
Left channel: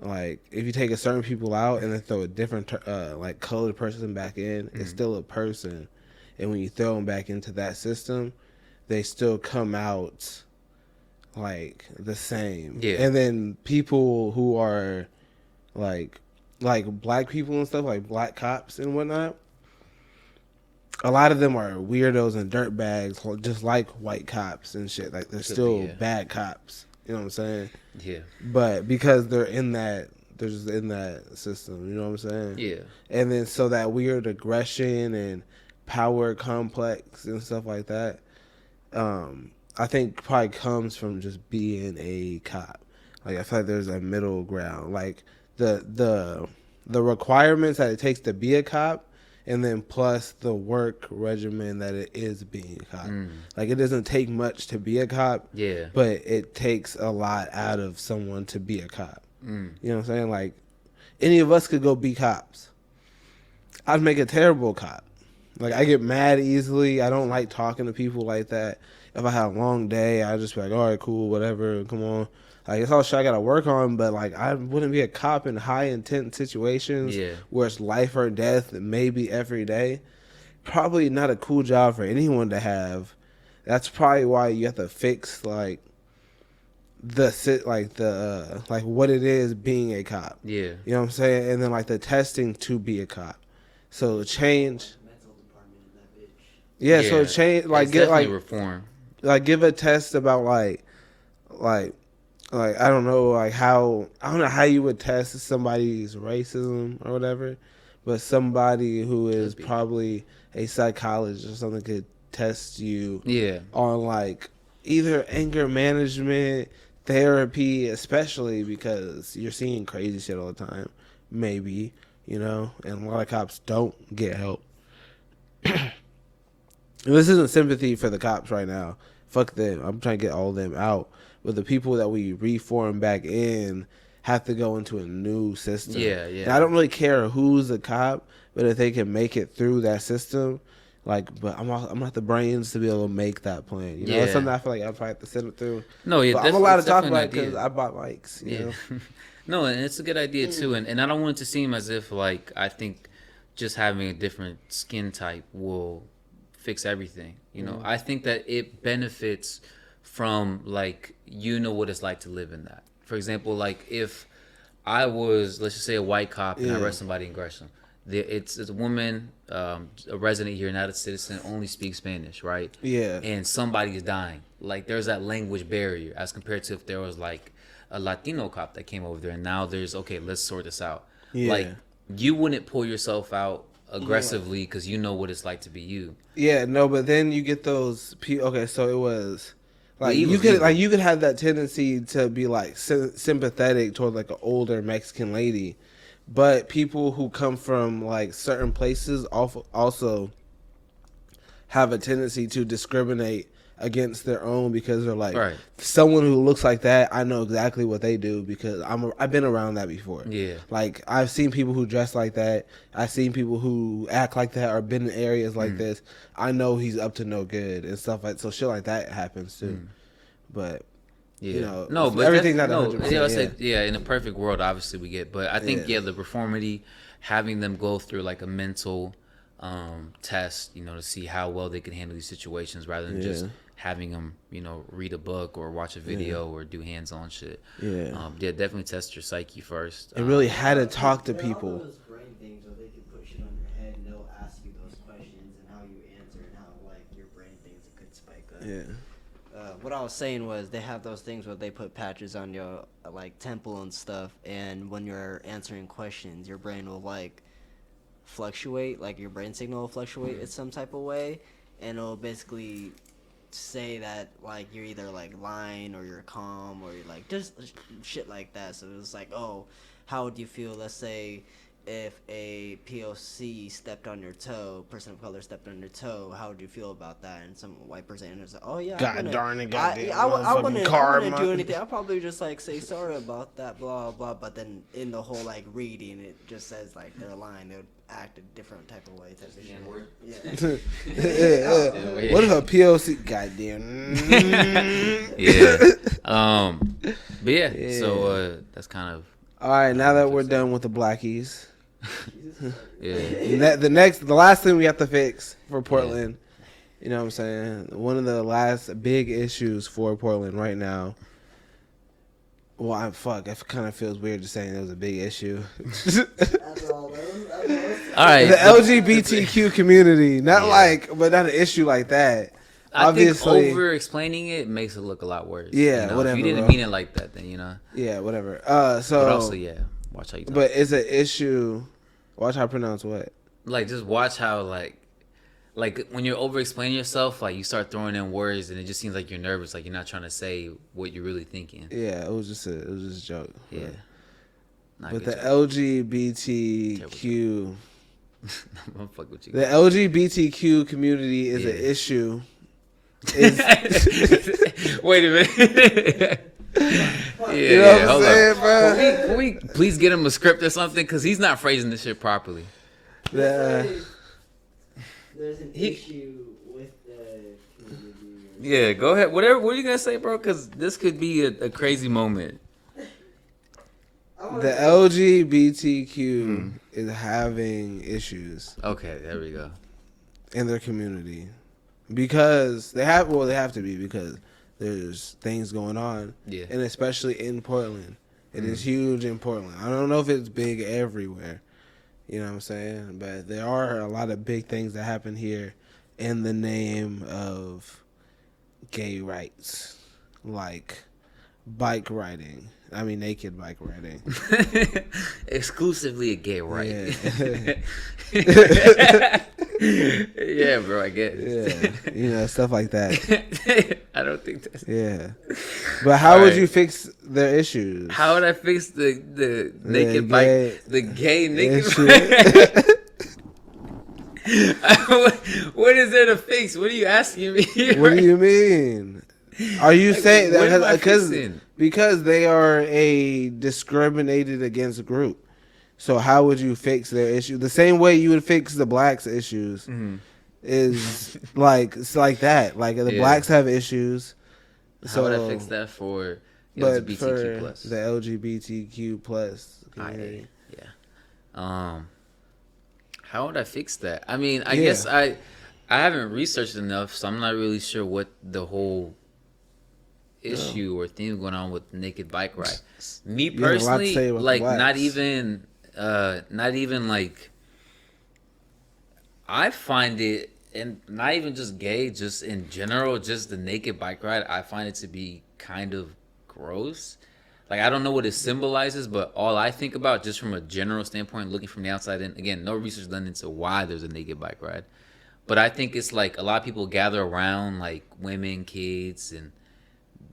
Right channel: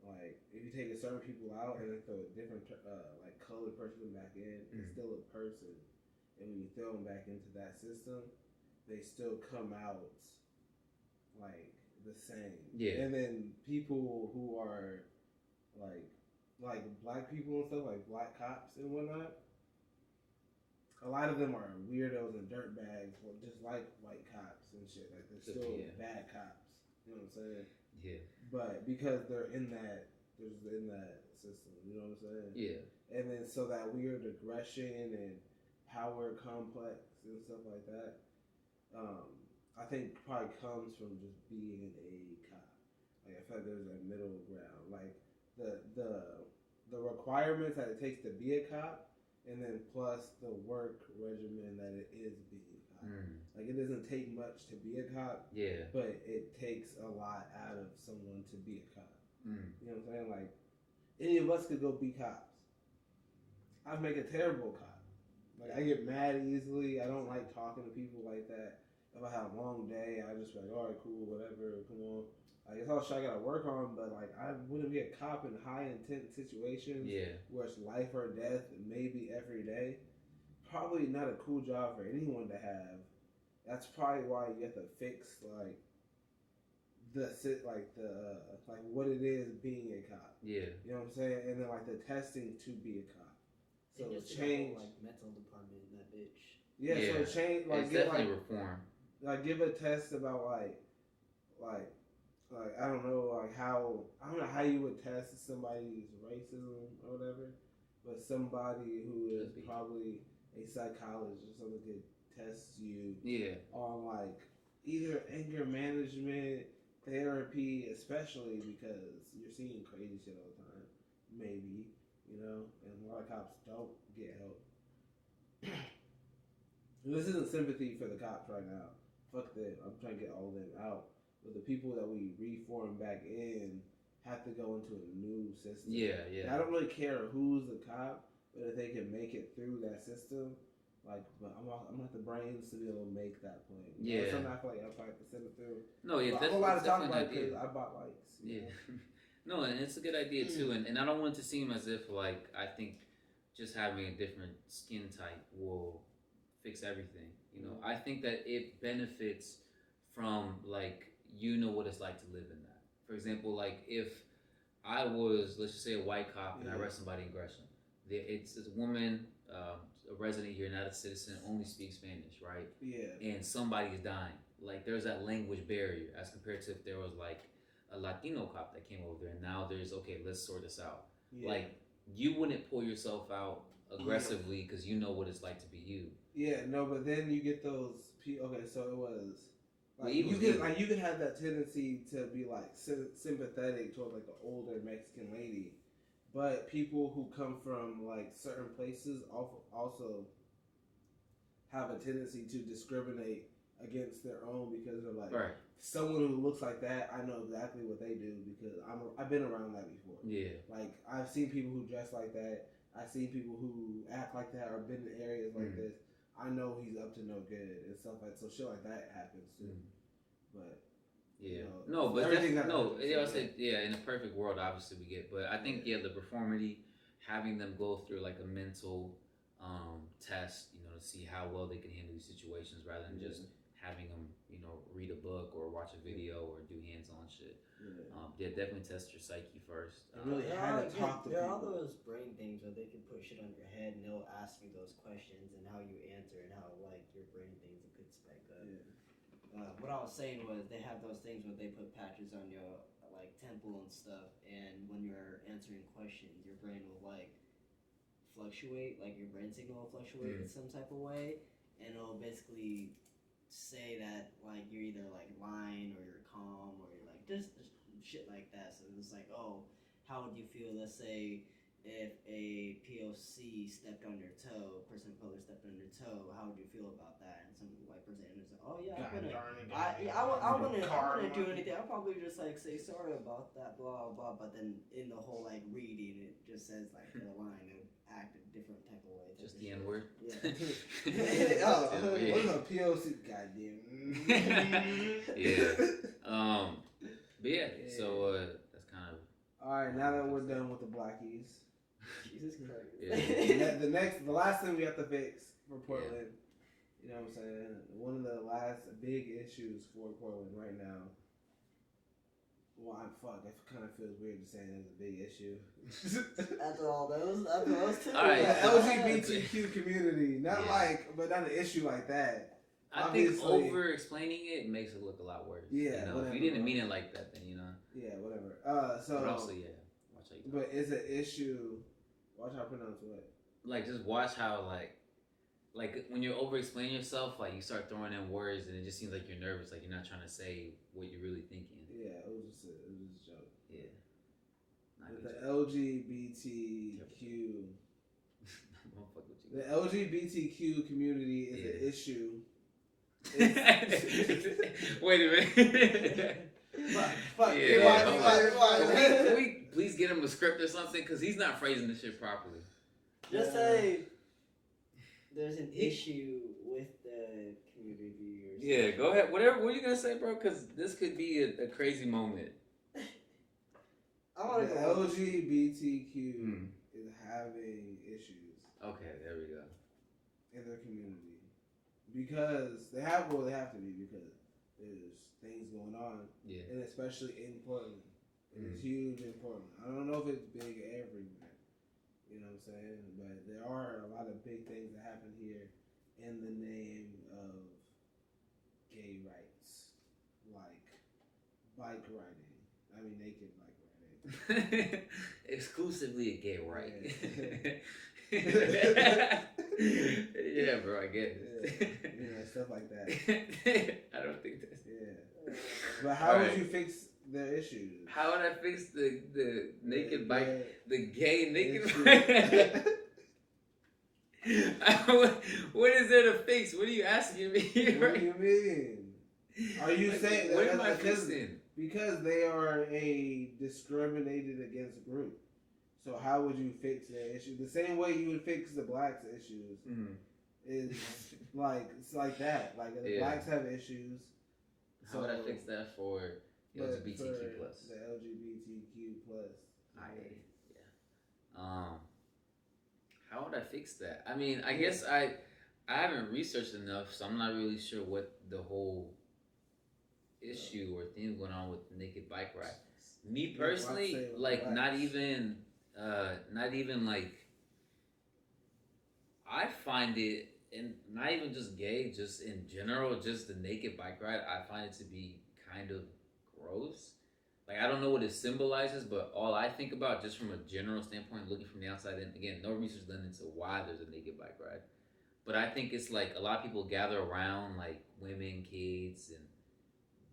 Like, if you take a certain people out and then throw a different, like, colored person back in, it's still a person. And when you throw them back into that system, they still come out, like, the same. Yeah. And then people who are, like black people and stuff, like black cops and whatnot, a lot of them are weirdos and dirtbags, just like white cops and shit. Like, they're still bad cops. You know what I'm saying? Yeah. But because they're just in that system, you know what I'm saying? Yeah. And then so that weird aggression and power complex and stuff like that, I think probably comes from just being a cop. Like, I feel like there's a middle ground. Like the requirements that it takes to be a cop, and then plus the work regimen that it is being a cop. Like, it doesn't take much to be a cop, but it takes a lot out of someone to be a cop. You know what I'm saying? Like, any of us could go be cops. I'd make a terrible cop. Like, I get mad easily. I don't like talking to people like that. If I had a long day, I'd just be like, all right, cool, whatever, come on. Like, it's all shit I got to work on, but, like, I wouldn't be a cop in high-intent situations where it's life or death maybe every day. Probably not a cool job for anyone to have. That's probably why you have to fix, like, what it is being a cop. Yeah. You know what I'm saying? And then, like, the testing to be a cop. So, change. Yeah, so change, like, get, like, reform. Like, give a test about, like, I don't know, like I don't know how you would test somebody's racism or whatever, but somebody who is probably a psychologist or something could test you on, like, either anger management, therapy, especially because you're seeing crazy shit all the time, maybe, and a lot of cops don't get help. This isn't sympathy for the cops right now. Fuck them. I'm trying to get all of them out. But the people that we reform back in have to go into a new system. Yeah. And I don't really care who's a cop, but if they can make it through that system, like, but I'm not the brains to be able to make that plan. It's something I feel like I probably have to send it through. No, yeah, I'm allowed to talk about it because I bought mics. You know? No, and it's a good idea too. And I don't want it to seem as if, like, I think just having a different skin type will fix everything. I think that it benefits from, like, what it's like to live in that. For example, like, if I was, let's just say, a white cop and I arrest somebody in Gresham, it's a woman, a resident here, not a citizen, only speaks Spanish, right? Yeah. And somebody is dying. Like, there's that language barrier as compared to if there was, like, a Latino cop that came over there, and now there's, okay, let's sort this out. Yeah. Like, you wouldn't pull yourself out aggressively because you know what it's like to be you. Yeah, no, but then you get those people. Okay, so it was like you could have that tendency to be like sympathetic toward like an older Mexican lady, but people who come from like certain places also have a tendency to discriminate against their own because they're like Right. someone who looks like that. I know exactly what they do because I've been around that before. Yeah. Like I've seen people who dress like that. I've seen people who act like that or been in areas like this. I know he's up to no good and stuff like so. Shit like that happens too. But Yeah. you know, No, but everything's not no. 100%. Yeah, I said, in a perfect world, obviously we get, but I think the reformity, having them go through like a mental test, to see how well they can handle these situations, rather than just having them, read a book or watch a video or do hands-on shit. Definitely test your psyche first. It really had to talk to There are people. those brain things where they can put shit on your head and they'll ask you those questions and how you answer and how like your brain thinks it could spike up. What I was saying was they have those things where they put patches on your like temple and stuff, and when you're answering questions, your brain will like fluctuate, like your brain signal will fluctuate in some type of way, and it'll basically say that like you're either like lying or you're calm or you're like just shit like that. So it's like, oh, how would you feel? Let's say if a POC stepped on your toe, person of color stepped on your toe, how would you feel about that? And some white person is like, oh yeah, God darn it, I wouldn't do anything. I'll probably just like say sorry about that, blah blah. But then in the whole like reading, it just says like they're lying. They would act a different type of way. That's the N word. Yeah. What if a POC? Goddamn. But yeah. So that's kind of. All right, now that we're done with the blackies, Yeah. the last thing we have to fix for Portland, you know what I'm saying? One of the last big issues for Portland right now. Well, it kind of feels weird just saying it was a big issue. All right. The LGBTQ community, not an issue like that. I Obviously, think over explaining it makes it look a lot worse. Yeah, whatever. If you didn't mean it like that, then Yeah, whatever. But also, watch how you talk. But it's an issue. Watch how I pronounce what? Like, just watch how like when you're over explaining yourself, like you start throwing in words, and it just seems like you're nervous, like you're not trying to say what you're really thinking. Yeah, it was just a joke. Yeah. But the LGBTQ, I'm gonna fuck with you. the LGBTQ community is an issue. Wait a minute. You know what I'm saying, bro? Can we please get him a script or something? Because he's not phrasing this shit properly. There's an issue with the community. Yeah, go ahead. What are you gonna say, bro? Because this could be a crazy moment. The LGBTQ is having issues Okay, there we go. in their community because they have to be because there's things going on. Yeah. And especially in Portland. It is huge in Portland. I don't know if it's big everywhere. You know what I'm saying? But there are a lot of big things that happen here in the name of gay rights. Like bike riding. I mean, naked bike riding. Exclusively a gay right. Yeah. Yeah, bro, I guess. Yeah. Stuff like that. I don't think that's... Yeah. But how would you fix their issues? How would I fix the naked bike? The gay naked issue. bike? What is there to fix? What are you asking me? What do you mean? Are you saying what am I that fixing? because they are a discriminated against group? So how would you fix their issue? The same way you would fix the blacks' issues is it's like that. Like the blacks have issues. How would I fix that for LGBTQ plus? The LGBTQ plus community? How would I fix that? I mean, I guess I haven't researched enough, so I'm not really sure what the whole issue or thing going on with naked bike ride. Me personally, like not even like I find it, and not even just gay, just in general, just the naked bike ride, I find it to be kind of gross. Like, I don't know what it symbolizes, but all I think about, just from a general standpoint, looking from the outside, and again, no research done into why there's a naked bike ride, but I think it's like a lot of people gather around, like women, kids, and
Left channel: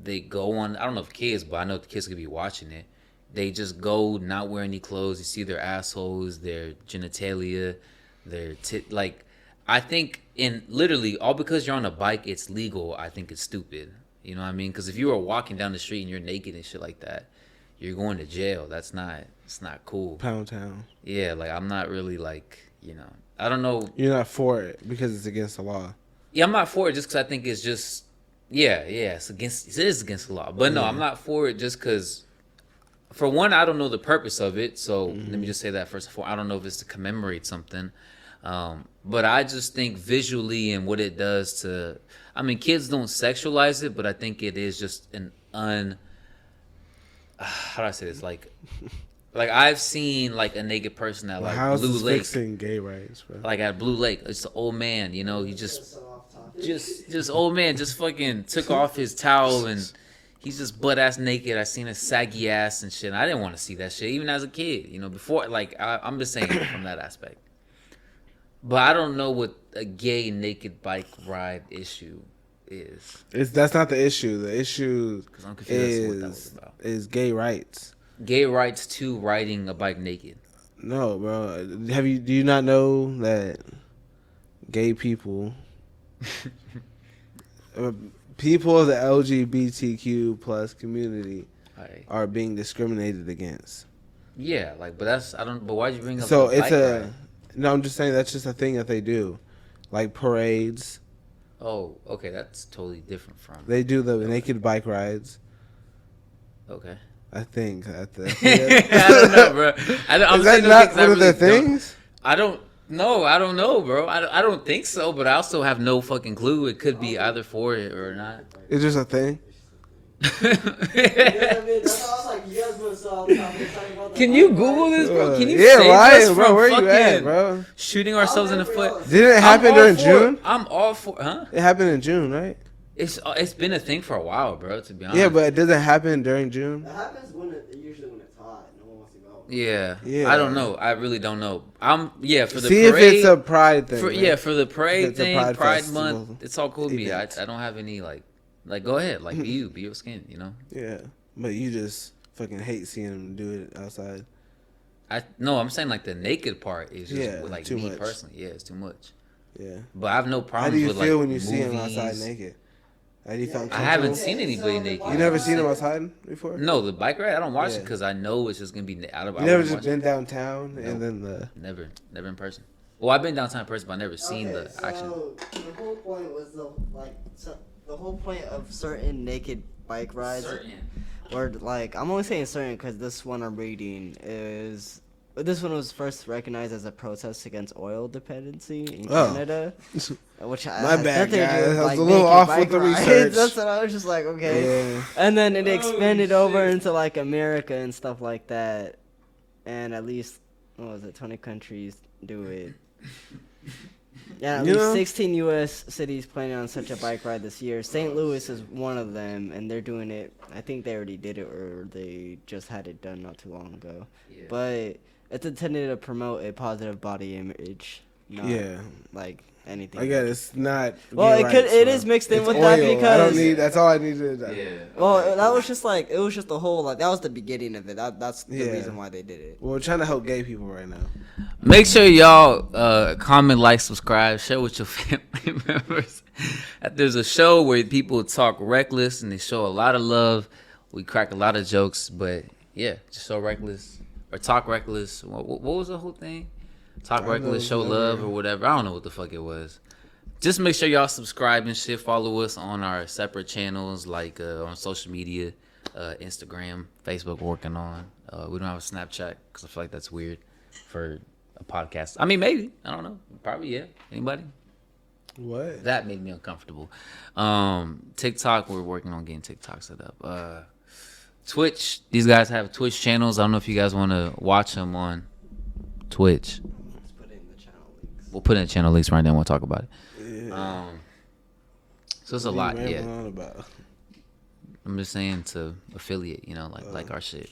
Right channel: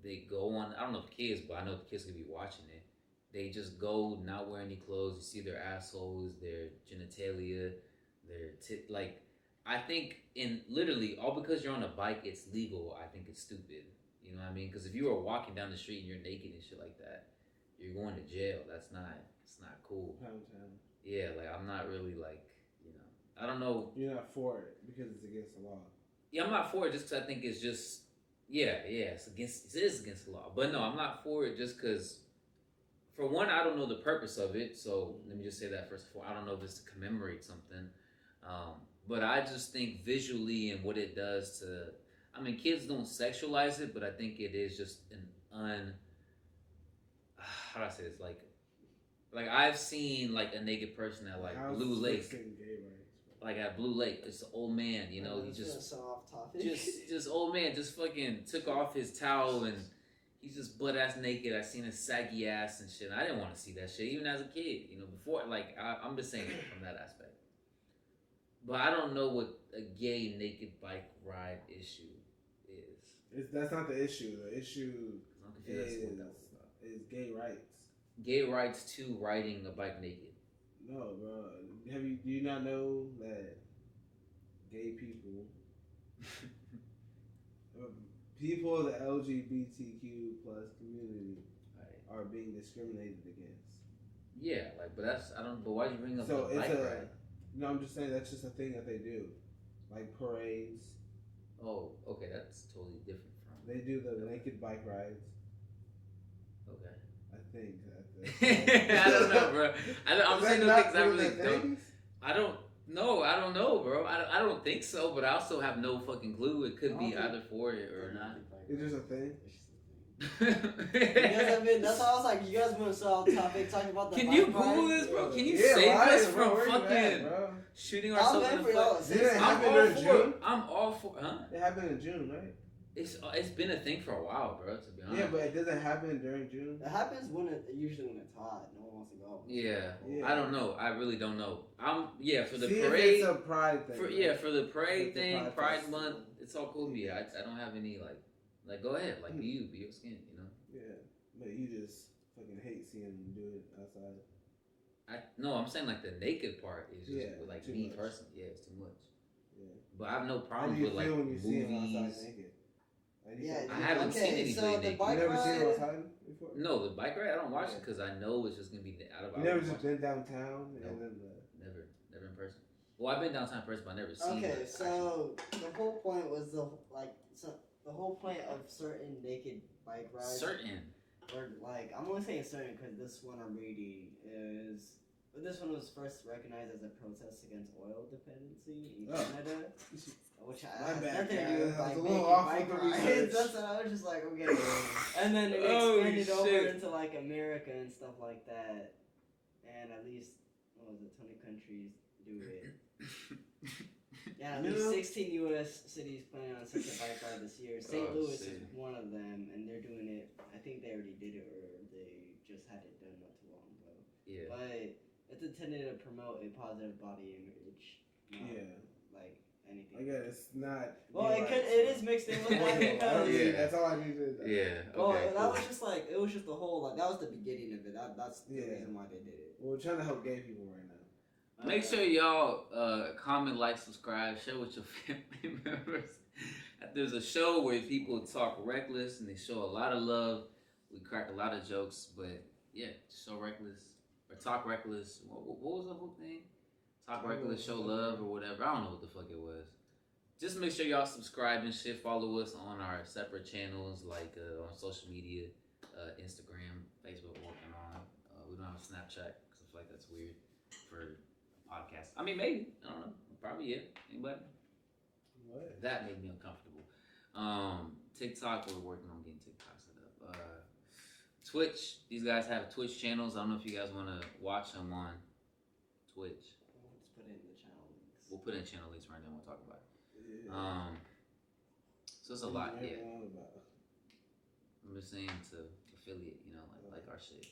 they go on, I don't know if kids, but I know the kids could be watching it. They just go not wearing any clothes. You see their assholes, their genitalia, their like, I think in literally all because you're on a bike, it's legal. I think it's stupid. You know what I mean? Because if you were walking down the street and you're naked and shit like that, you're going to jail. It's not cool. Pound Town. Yeah, like I'm not really like, you know, I don't know. You're not for it because it's against the law. Yeah, I'm not for it just because I think it's just, yeah, it is against the law. But no, I'm not for it just because, for one, I don't know the purpose of it. So let me just say that first of all. I don't know if it's to commemorate something. But I just think visually and what it does to, I mean, kids don't sexualize it, but I think it is just how do I say this? Like I've seen like a naked person at like How's Blue this Lake. fixing gay rights, bro? Like at Blue Lake, it's an old man, you know, he just old man just fucking took off his towel and he's just butt ass naked. I seen his saggy ass and shit. I didn't want to see that shit even as a kid, you know. Before, like I'm just saying from that aspect. But I don't know what a gay naked bike ride issue is. That's not the issue. The issue 'Cause I'm confused as to what that was about. is gay rights. Gay rights to riding a bike naked. No, bro. Do you not know that gay people, people of the LGBTQ plus community, Right. are being discriminated against? Yeah, like, but why'd you bring up So the it's bike ride? no. I'm just saying that's just a thing that they do, like parades. Oh, okay, that's totally different from. They do the naked bike rides. Okay. I think at the. I don't know, bro. I'm Is that saying not things I one of the really don't- things? I don't know, bro. I don't think so, but I also have no fucking clue. It could be either for it or not. It's just a thing. You know what I mean? That's why I was like, you guys want to talking about the Can you bike Google ride? this, bro? Can you Yeah, save right, us bro. from Where you at, fucking bro? shooting ourselves in the foot? Didn't it I'm happen all during for it. June? I'm all for, huh? It happened in June, right? It's been a thing for a while, bro. To be honest. Yeah, but it doesn't happen during June. It happens usually when it's hot. No one wants to go. Yeah. Yeah. I don't know. I really don't know. For the See parade. if it's a pride thing. For, man. for the parade It's a thing, Pride Pride festival Month, it's all cool with me. I event. don't have any like go ahead, like be your skin, you know. Yeah, but you just fucking hate seeing them do it outside. I'm saying like the naked part is just Yeah, like too me much. personally. Yeah, it's too much. Yeah. But I have no How problem do you with feel like when you see him movies. outside naked? How do you feel? I haven't seen anybody naked. You never seen him outside before? No, the bike ride I don't watch it Yeah. because I know it's just gonna be out of. You never just been downtown and then the. Never in person. Well, I've been downtown in person, but I've never seen the action. The whole point was the whole point of certain naked bike rides, or like I'm only saying certain because this one I'm reading is. This one was first recognized as a protest against oil dependency in Canada. Which My bad, nothing to do guys. with, I was like, a little naked off bike with the rides. research. That's what I was just like, okay. Yeah. And then it expanded Holy over shit. into like America and stuff like that. And at least, 20 countries do it. Yeah, at You least know? 16 U.S. cities planning on such a bike ride this year. St. Louis is one of them, and they're doing it. I think they already did it, or they just had it done not too long ago. Yeah. But it's intended to promote a positive body image, not Yeah. like anything. I guess it's not. Well, gay it could. rights, It bro. is mixed in It's with oil. that I don't because. need. That's all I needed. Well, Okay. that was just like it was just the whole like that was the beginning of it. That's the Yeah. reason why they did it. Well, we're trying to help gay people right now. Make sure y'all comment, like, subscribe, share with your family members. There's a show where people talk reckless and they show a lot of love. We crack a lot of jokes, but yeah, just show reckless or talk reckless. What was the whole thing? Talk reckless, show love or whatever. I don't know what the fuck it was. Just make sure y'all subscribe and shit. Follow us on our separate channels like on social media, Instagram, Facebook. We're working on. We don't have a Snapchat because I feel like that's weird for a podcast. I mean, maybe. I don't know. Probably, yeah. Anybody? What? That made me uncomfortable. TikTok, we're working on getting TikTok set up. Twitch, these guys have Twitch channels. I don't know if you guys want to watch them on Twitch. Let's put it in the channel links. We'll put in the channel links right now and we'll talk about it. Yeah. So it's a What lot, are you yeah. rambling on about? I'm just saying to affiliate, like our shit.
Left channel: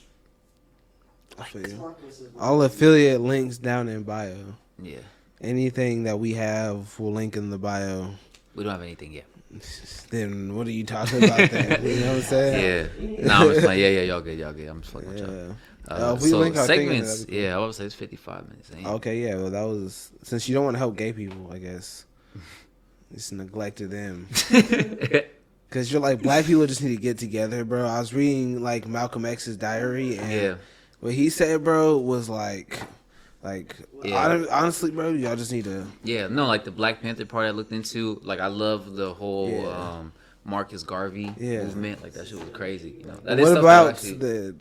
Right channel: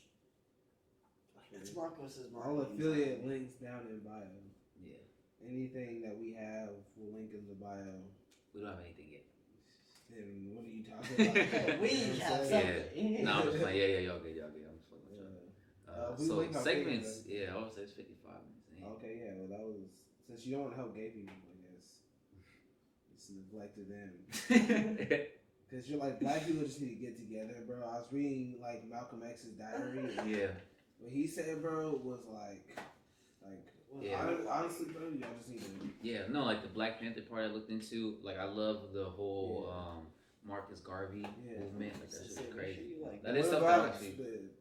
I feel you. Mark versus Mark. All affiliate links down in bio. Yeah. Anything that we have will link in the bio. We don't have anything yet. Then what are you talking about then? You know what I'm saying? Yeah. No, I'm just playing. Yeah, y'all good. I'm just fucking with Yeah. y'all. If we So link our thing in there, segments, that'd be yeah, I would say it's 55 minutes. Ain't it? Okay, yeah. Well, that was since you don't want to help gay people, I guess. Just neglected them. Cause you're like black people just need to get together, bro. I was reading like Malcolm X's diary, and Yeah. what he said, bro, was Yeah. honestly, bro, y'all just need to. Yeah, no, like the Black Panther Party I looked into, like I love the whole Yeah. Marcus Garvey Yeah. movement. Like that shit was crazy. You know? That is What stuff about that actually,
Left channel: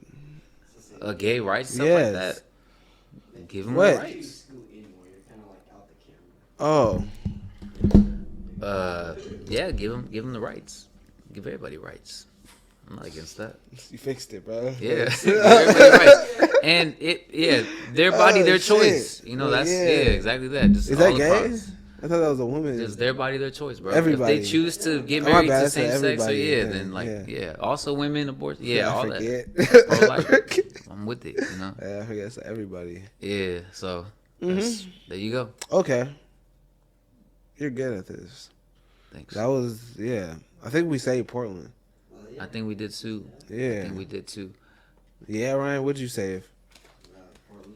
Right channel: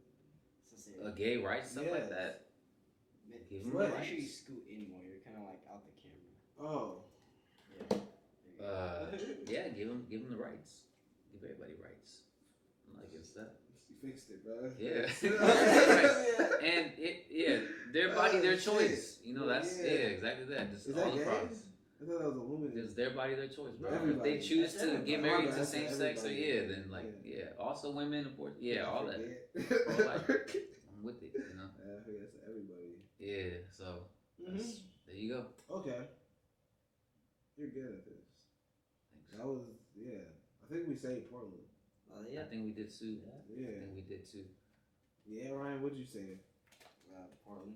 the? gay rights stuff Yes. like that? Give them What? rights. Oh, Yeah, give them the rights. Give everybody rights. I'm not against that. you fixed it, bro. Yeah, give everybody rights. And their body, Oh, their shit. choice. You know, that's Yeah. exactly that. Just Is all that the gay? props. I thought that was a woman. It's their body, their choice, bro. Everybody. If they choose to get Oh, my married bad, to I said same sex, so everybody, yeah, yeah, then like yeah. also women, abortion, yeah, all that. forget. Pro-life. I'm with it, you know. Yeah, I forget it's everybody. Yeah, so Mhm. there you go. Okay, you're good at this. Thanks. That was I think we saved Portland. I think we did too. I Yeah, think we did too. yeah, Ryan. What'd you save? Portland.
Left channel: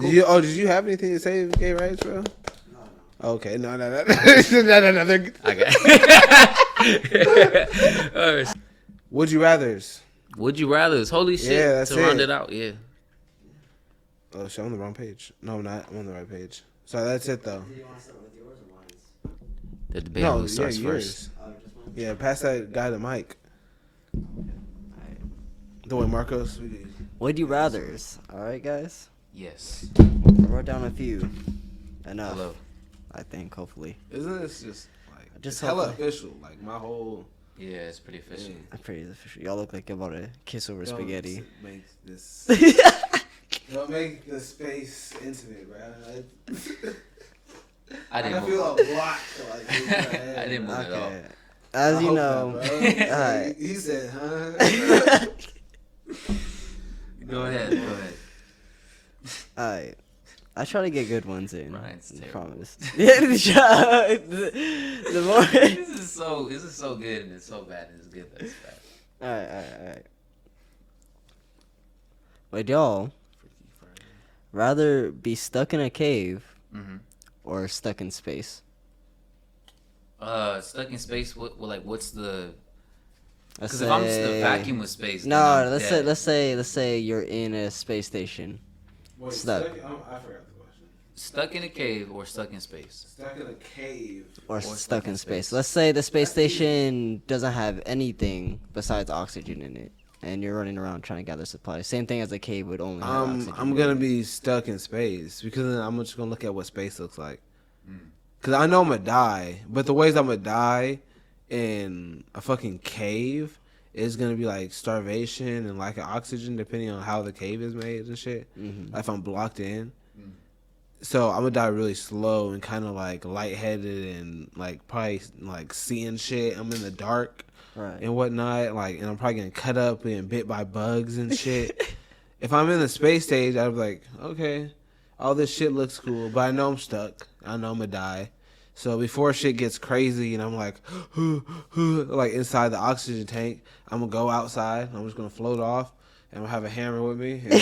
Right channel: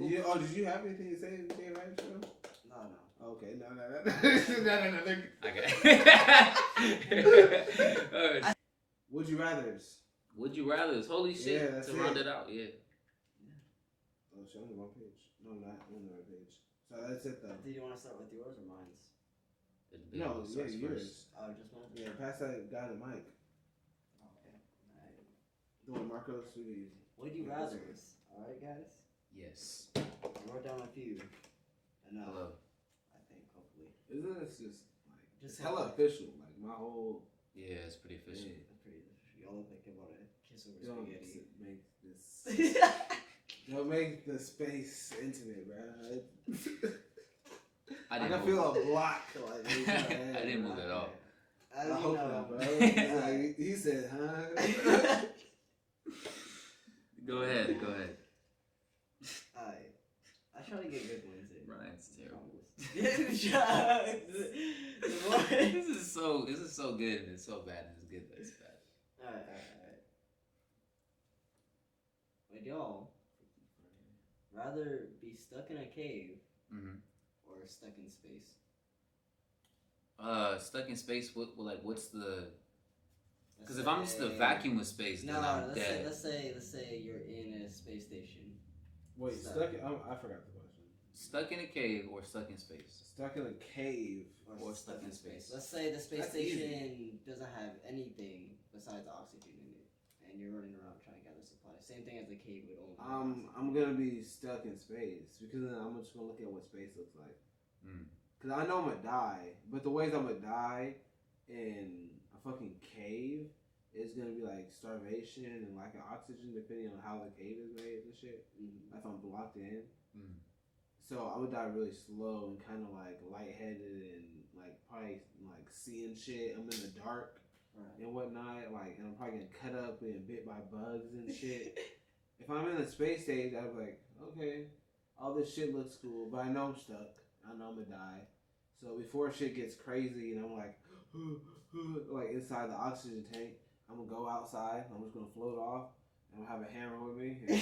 Did you have anything to say, gay rights, bro? Okay, no. no. They're- All right. Would you rather's? Would you rather? Holy shit. Yeah, that's to round it. it out, yeah. Oh shit, I'm on the wrong page. No, I'm not. I'm on the right page. So that's it though. Do you want to start with yours or mine? The debate on who starts yours. first. Just one. Yeah, pass that guy the mic. The way Marcos. Would you rather's? All right, guys. Yes. I wrote down a few. Enough. Hello. I think. Hopefully. Isn't this just like Just hella hopefully. official? Like my whole. Yeah, it's pretty efficient. I'm pretty official. Y'all look like you're about to kiss over spaghetti. Make this. Don't make the space intimate, bro. I I didn't feel move. a block. Like, I didn't move at all. Okay. As I you hope know. not, bro. Alright. He said, huh? Go ahead. Alright. I try to get good ones in. Ryan's I terrible. promise. the more. This is so good and it's so bad. It's good. That's bad. Alright. Would y'all rather be stuck in a cave Mm-hmm. or stuck in space? Stuck in space. What's the? Let's Because if I'm just in a vacuum of space. then No, I'm let's dead. let's say you're in a space station. Wait, Stuck. I forgot the question. Stuck in a cave or stuck in space. Stuck in a cave. Or stuck in space. Let's say the space station doesn't have anything besides oxygen in it, and you're running around trying to gather supplies. Same thing as a cave would only have oxygen. I'm gonna be stuck in space because then I'm just gonna look at what space looks like. Mm. Cause I know I'm gonna die, but the ways I'm gonna die in a fucking cave is gonna be like starvation and lack of oxygen, depending on how the cave is made and shit. Mhm. If I'm blocked in, Mm. so I'm gonna die really slow and kind of like lightheaded and like probably like seeing shit. I'm in the dark Right. and whatnot, like, and I'm probably getting cut up and bit by bugs and shit. If I'm in the space stage, I'd be like, okay, all this shit looks cool, but I know I'm stuck. I know I'm gonna die. So before shit gets crazy and I'm like, like inside the oxygen tank, I'm gonna go outside. I'm just gonna float off and I'm gonna have a hammer with me. And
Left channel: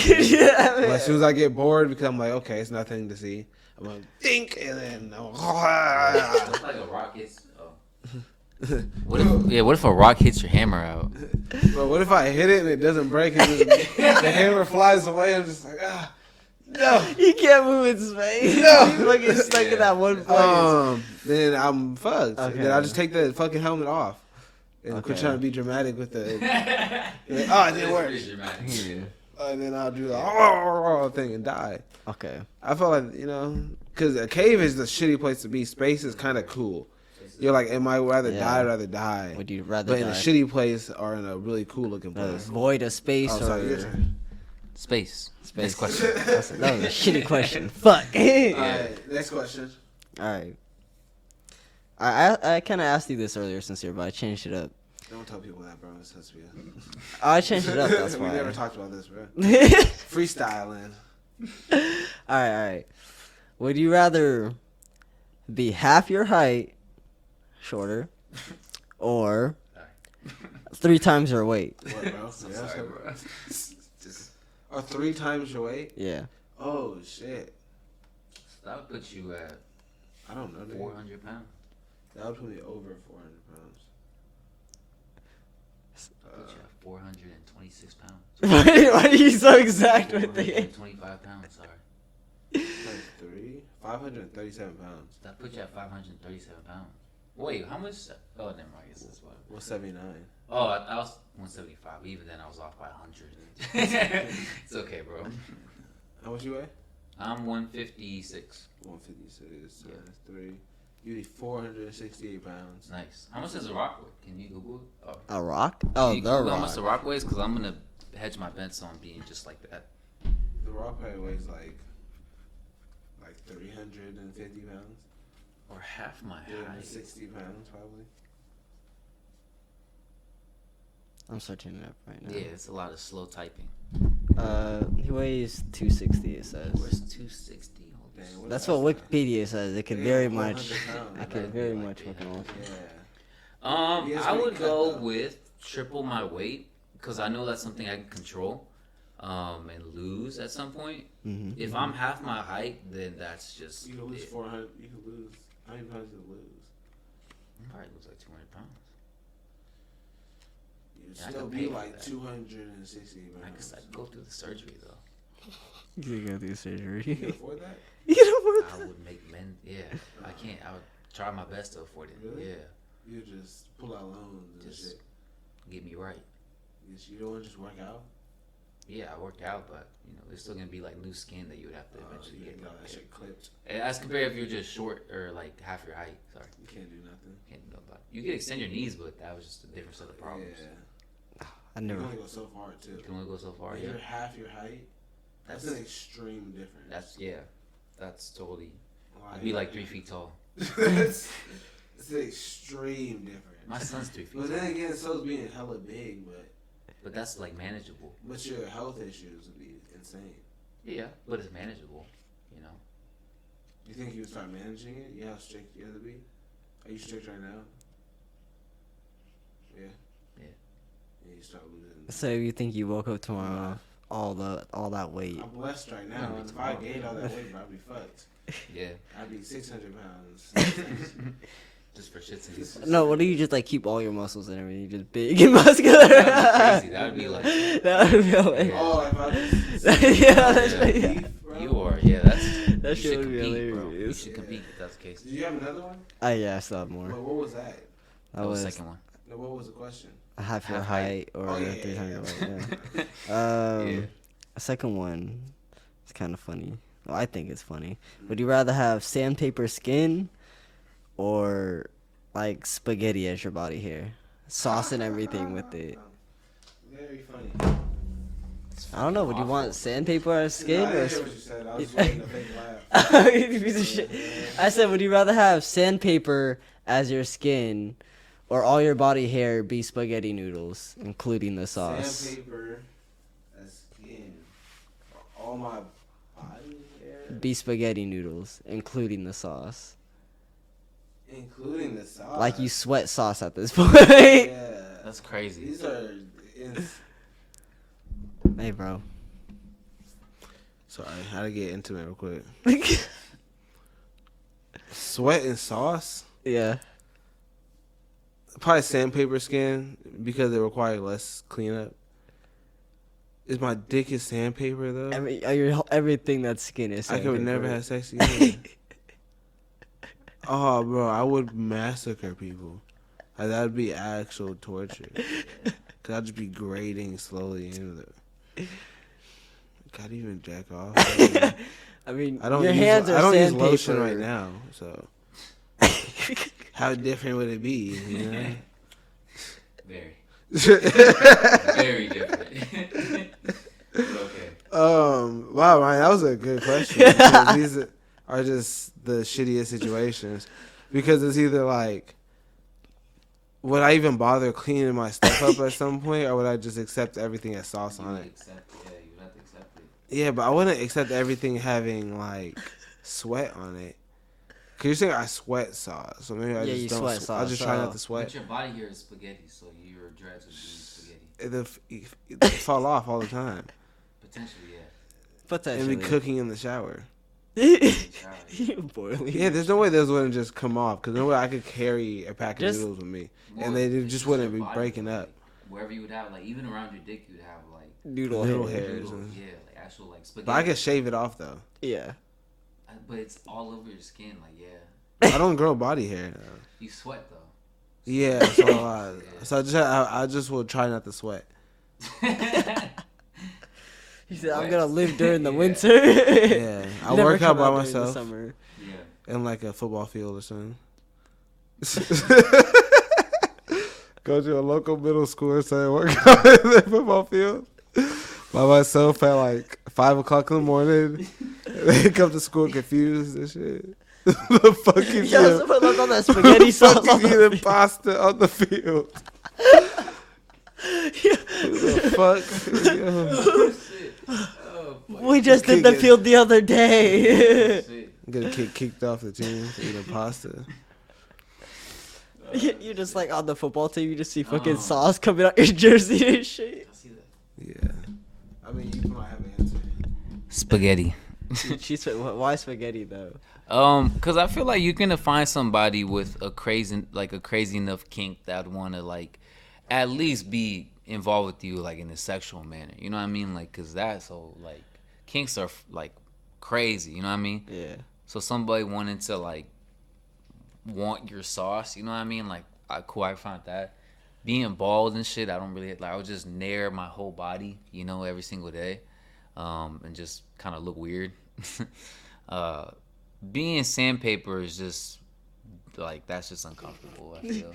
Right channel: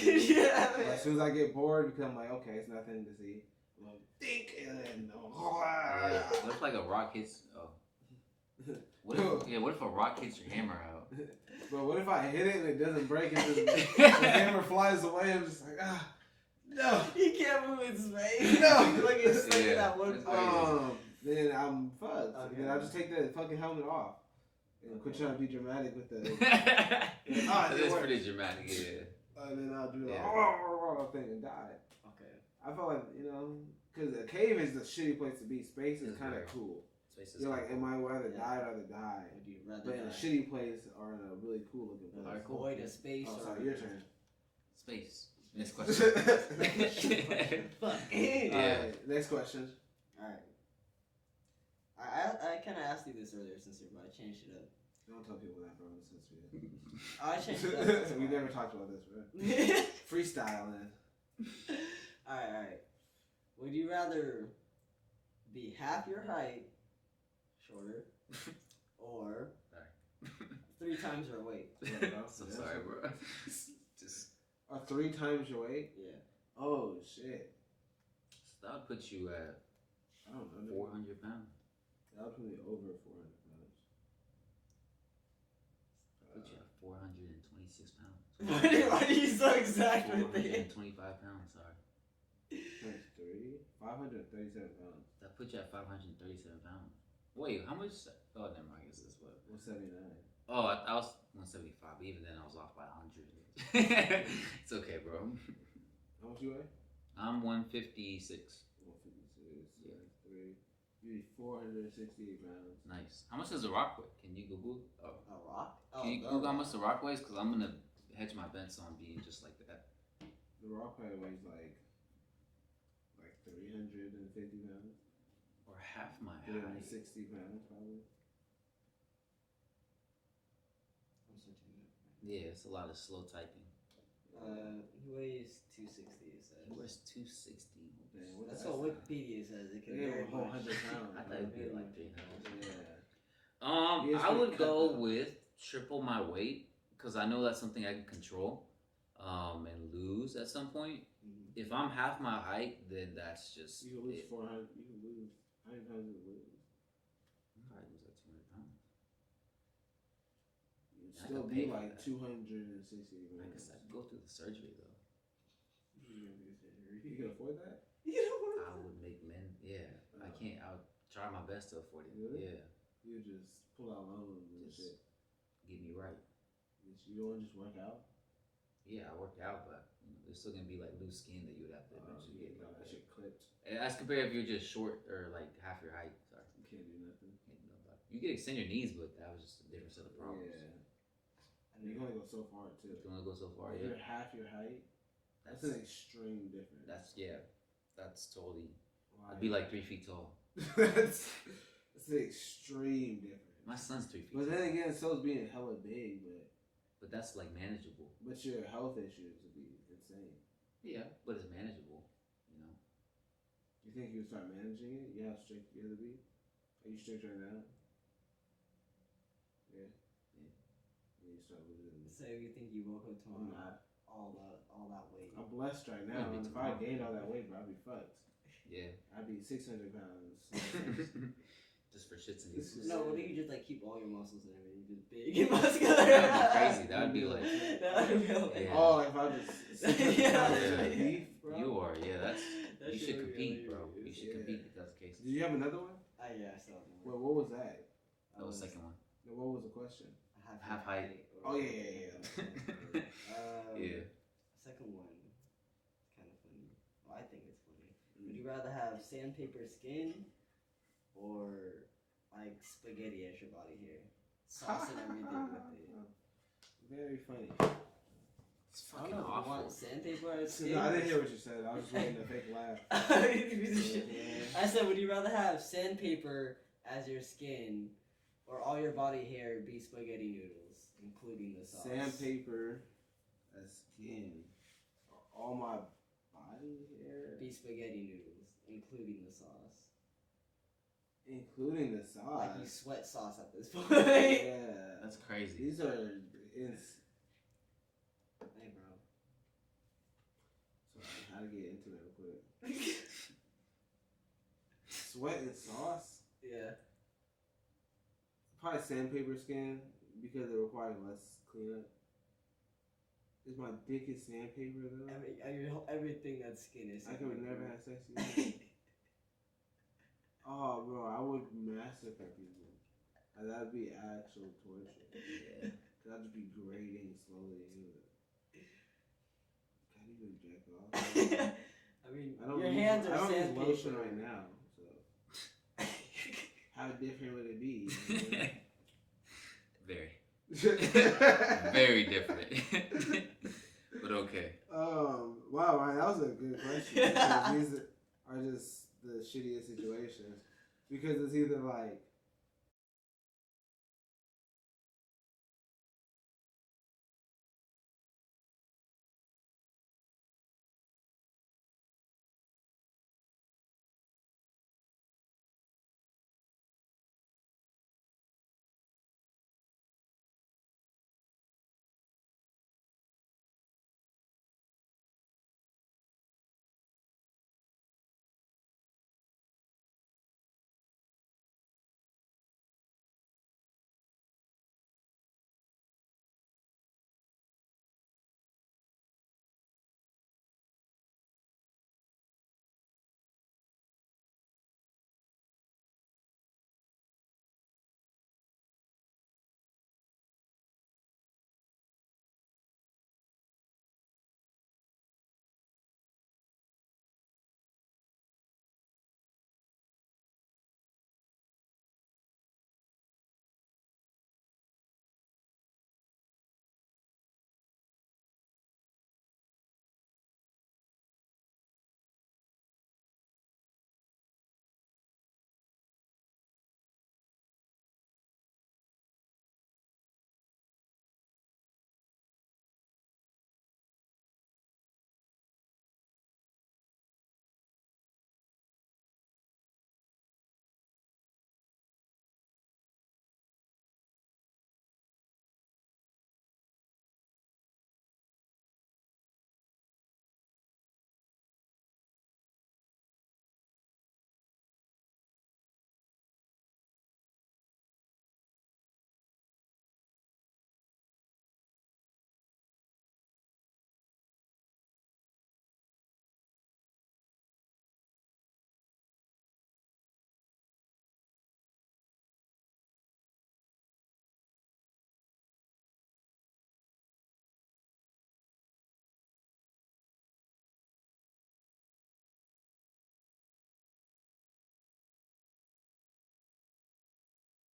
as soon as I get bored, because I'm like, okay, it's nothing to see, I'm gonna think and then Looks like a rock hits. Oh. What if a rock hits your hammer out? But what if I hit it and it doesn't break and the hammer flies away? I'm just like, no. You can't move in space. No. You fucking stuck in that one place. Then I'm fucked. Okay. Then I'll just take the fucking helmet off and quit Okay. trying to be dramatic with the. it That's didn't work. pretty dramatic. Yeah. And then I'll do the thing and die. Okay. I feel like because a cave is the shitty place to be. Space is kind of cool. You're like, am I rather die or rather die? Would you rather But in die? a shitty place or in a really cool looking place? Void of space Oh, sorry, your or turn. Space. space? Next question. That was a shitty question. Fuck. Alright, next question. All right. I kind of asked you this earlier, Sincere, but I changed it up. Don't tell people that, bro. It's supposed to be. I changed it up. That's we why. never talked about this, bro. all Freestyling. right. Would you rather be half your height, shorter, or 3 times your weight? What, bro? I'm sorry, bro. Just Or 3 times your weight? Yeah. Oh shit! That would put you at I don't know. 400 pounds. That would put me over 400 pounds. Put you at 426 pounds. Why are you so exact with it? 425 pounds. Sorry. Like 537 pounds. That put you at 537 pounds. Wait, how much? Oh, never mind. I guess that's what. 179. Oh, I was 175. Even then, I was off by 100. It's okay, bro. How much you weigh? I'm 156. 156 Yeah. times 3. You need 468 pounds. Nice. How much does a rock weigh? Can you Google it? Oh. A rock? Can Oh, you the Google how much rock. the rock weighs? Because I'm going to hedge my bets on being just like that. The rock weighs like 350 pounds. Or half my height. 60 pounds probably. I'm searching it up right now. Yeah, it's a lot of slow typing. He weighs 260. It says. Where's 260? Dang, That's what Wikipedia says. It could Yeah, very 100 much. pounds. It could very much fucking alter. Yeah. Yeah, I would cut go though. with triple my weight because I know that's something I can control and lose at some point. Mm-hmm. If I'm half my height, then that's just You can lose it. 400. You can lose. How many pounds you lose? Probably lose like 200 pounds. You'd I still could be pay for like that. 260 I pounds. could go through the surgery though. You go through You surgery. can afford that? You can afford I would make men. Yeah, I can't. I would try my best to afford it. Really? Yeah, You just pull out loans and Just- shit. get me right. You don't want to just work out? Yeah, I worked out, but there's still gonna be like new skin that you would have to So eventually you get. got that shit clipped. And as compared if you're just short or like half your height. Sorry, You can't do nothing. can't do about it. You can extend your knees, but that was just a different set of problems. Yeah. I You never. can only go so far too. You can only go so far. If Yeah, you're half your height, that's an extreme difference. that's totally. Like, I'd be like 3 feet tall. it's an extreme difference. My son's 3 feet. But then again, so's being hella big, But that's like manageable. but your health issues would be insane. Yeah, but it's manageable. You think you would start managing it? Yeah, how strict you have to be? Are you strict right now? Yeah. Yeah. Yeah, you start losing. So you think you woke up tomorrow, all that weight? I'm blessed right now. If I gained all that weight, I'd be fucked. Yeah, I'd be 600 pounds. just for shits and giggles. No, what do you just like keep all your muscles and everything? You just big and muscular. That'd be crazy. That'd be like That would be hilarious. Oh, if I just Yeah, that's Yeah. right. beef, bro. you are. Yeah, that's That you shit should would be compete, bro. You hilarious. should compete if that's the case. Did you have another one? Yeah, I still have more. What was that? That was the second one. What was the question? half your Half height. height or Oh, yeah, 300 yeah. weight. Yeah. Yeah. A second one. It's kind of funny. Well, I think it's funny. Would you rather have sandpaper skin or like spaghetti as your body hair, sauce and everything with it? Very funny. I don't know. Would you want sandpaper as skin No, I or? didn't hear what you said. I was just waiting to fake laugh. You piece of shit. I said, would you rather have sandpaper as your skin, or all your body hair be spaghetti noodles, including the sauce? Sandpaper as skin. All my body hair. Be spaghetti noodles, including the sauce. Including the sauce. Like you sweat sauce at this point. Yeah. That's crazy. These are. Hey, bro. Sorry, how to get intimate real quick. Sweat and sauce? Yeah. Probably sandpaper skin because it requires less cleanup. Is my dick is sandpaper though? Everything that's skin is I sandpaper. could never have sex again. Oh, bro, I would massacre people. Like, that'd be actual torture. Cause I'd just be grading slowly into the. Gotta even jack off. I mean, I don't your use, hands are I don't use sandpaper. lotion right now, so how different would it be? You know? Very, very different. But okay. Wow, Ryan, that was a good question. Because these are just the shittiest situations because it's either like, would I even bother cleaning my stuff up at some point, or would I just accept everything as sauce on it? You would have to accept it. Yeah, but I wouldn't accept everything having like sweat on it. Cause you're saying I sweat sauce, so maybe I Yeah, just you don't. sweat I'll sauce, just try not so- to sweat. But your body here is spaghetti, so your dreads would be spaghetti. They fall off all the time. Potentially, yeah. And Potentially. be cooking in the shower. Boiling. Yeah, there's no way those wouldn't just come off. Because no way I could carry a pack of Just- noodles with me. Well, And they it's just your wouldn't be body, breaking like, up. Wherever you would have, like, even around your dick, you would have, like, Noodle Noodle hair. hairs. noodle, yeah, like, actual, like, spaghetti. But I could shave it off, though. Yeah. But it's all over your skin, like, yeah. I don't grow body hair, though. You sweat, though. Yeah, so I just will try not to sweat. He said, "I'm What? gonna live during the Yeah. winter." Yeah, I Never work out come by during the myself summer. Yeah. in like a football field or something. Go to a local middle school or something, work out in the football field by myself at like 5 o'clock in the morning. They come to school confused and shit. The fucking Yo, someone left on that spaghetti sauce on fucking the eating pasta on the field. Who the fuck? Yo. Oh, shit. Oh, fuck. We just did the Kick it. field the other day. Shit. Get kicked off the team for eating pasta. You're just like on the football team. You just see fucking Oh. sauce coming out your jersey and shit. I see that. Yeah. I mean, you might have an answer. Spaghetti. Why spaghetti though? Cause I feel like you're gonna find somebody with a crazy enough kink that would want to like, at least be involved with you like in a sexual manner. You know what I mean? Like, cause that's so like, kinks are like crazy. You know what I mean? Yeah. So somebody wanting to like, want your sauce. You know what I mean? Like, cool. I found that. Being bald and shit, I don't really like. I would just nair my whole body, you know, every single day, and just kind of look weird. Being sandpaper is just like, that's just uncomfortable, I feel.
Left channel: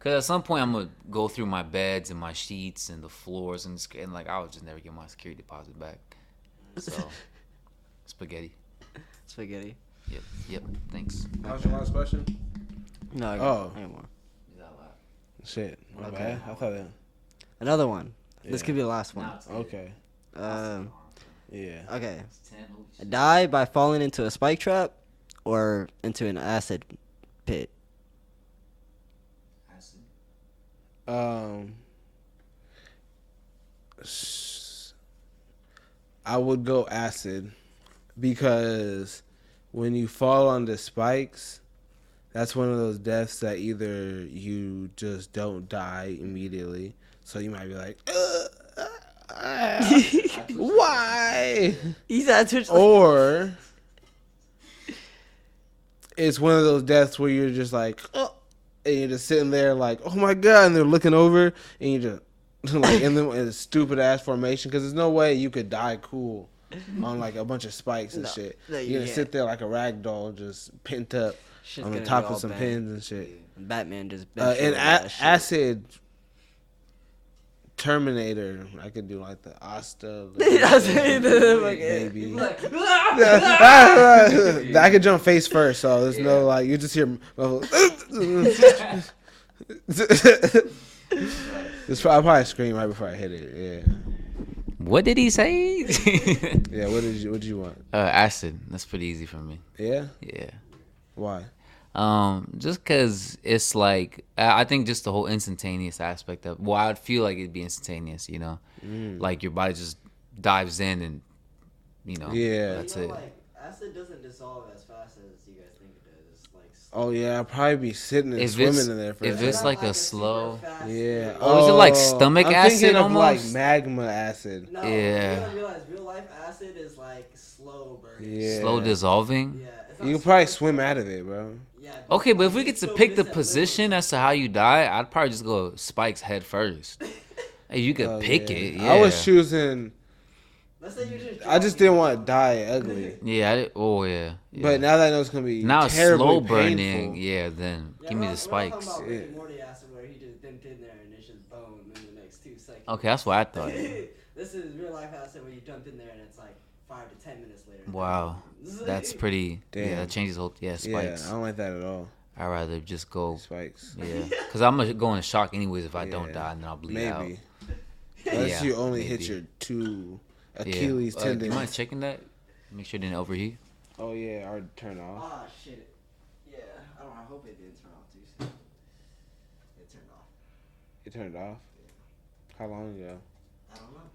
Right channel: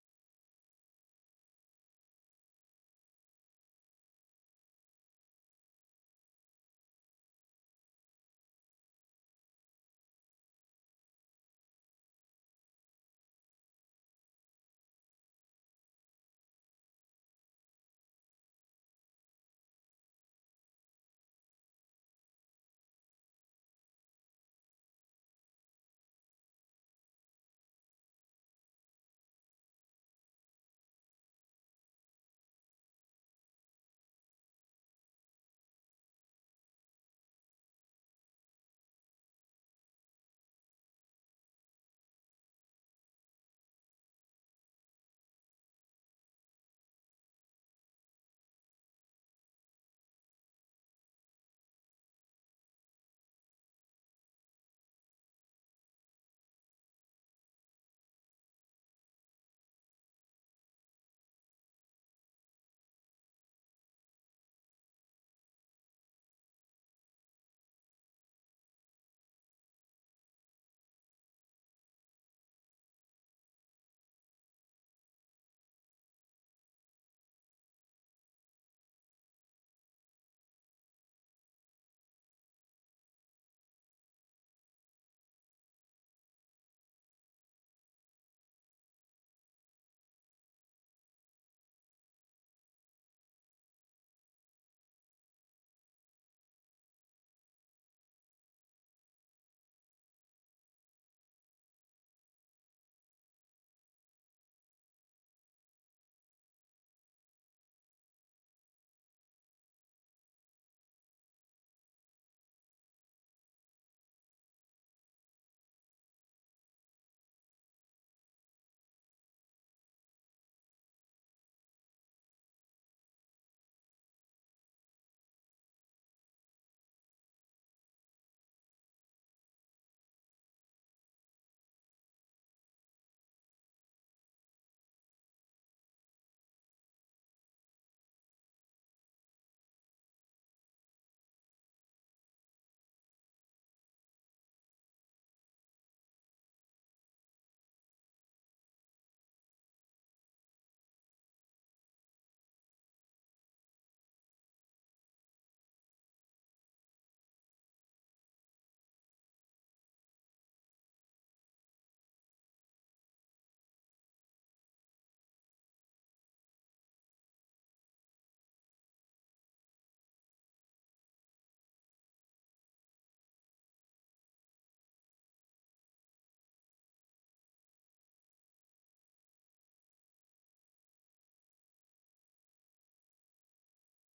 Cause at some point I'm gonna go through my beds and my sheets and the floors and like I would just never get my security deposit back. So spaghetti. Spaghetti. Yep. Thanks. That was your last question? No. I Oh. got more. Shit. My Okay. bad. I thought that. Another one. This Yeah. could be the last one. Okay. Yeah. Okay. Die by falling into a spike trap or into an acid pit. I would go acid because when you fall on the spikes, that's one of those deaths that either you just don't die immediately, so you might be like, why? He's actually Or it's one of those deaths where you're just like, and you're just sitting there like, oh my god, and they're looking over, and you just like in a stupid ass formation, because there's no way you could die cool on like a bunch of spikes and No, shit. no, You're gonna yeah. sit there like a rag doll, just pent up Shit's on the gonna top be of all some bent. pins and shit. Batman just And acid Terminator, I could do like the Asta baby. I could jump face first, so there's no like you just hear. I'll probably scream right before I hit it. Yeah. What did he say? Yeah. What did you want? Acid. That's pretty easy for me. Yeah. Yeah. Why? Just cause it's like I think just the whole instantaneous aspect of. Well, I'd feel like it'd be instantaneous. You know, like your body just dives in and, you know. Yeah. That's it. Like, acid doesn't dissolve as fast as you guys think it does. It's like Oh yeah, I'll probably be sitting and If swimming it's- in there for if a it's second. like a slow. Yeah. Oh, is it like stomach I'm acid thinking of like almost? magma acid. No, Yeah. you gotta realize real life acid is like slow burning. Yeah. Slow dissolving. Yeah, it's not You can probably super swim slow. out of it, bro. Yeah, Okay, but if we get to so pick the this at position little- as to how you die, I'd probably just go spikes head first. Hey, you could Oh, pick yeah. it. Yeah. I was choosing. Let's say you just I just didn't want to die ugly. Yeah. Oh yeah. But now that I know it's gonna be now it's terribly slow painful. burning. Yeah. Then Yeah, give me we're the not- we're not spikes. talking about Rick and Yeah. Morty acid where he just dipped in there and it's just bone in the next 2 seconds. Okay, that's what I thought. This is real life acid where you jumped in there and it's like 5 to 10 minutes later. Wow, that's pretty. Yeah, Damn. that changes whole. Yeah, Yeah, spikes. I don't like that at all. I'd rather just go. Spikes. Yeah, because I'm gonna go in shock anyways if I don't Yeah. die and then I'll bleed out. Maybe. Unless Yeah, you only hit maybe. your 2 Yeah. Achilles Do tendons. you mind checking that? Make sure it didn't overheat. Oh yeah, or turn off. Ah, shit. Yeah, I don't know. I hope it didn't turn off too soon. It turned off. You turned it off. How long ago? I don't know.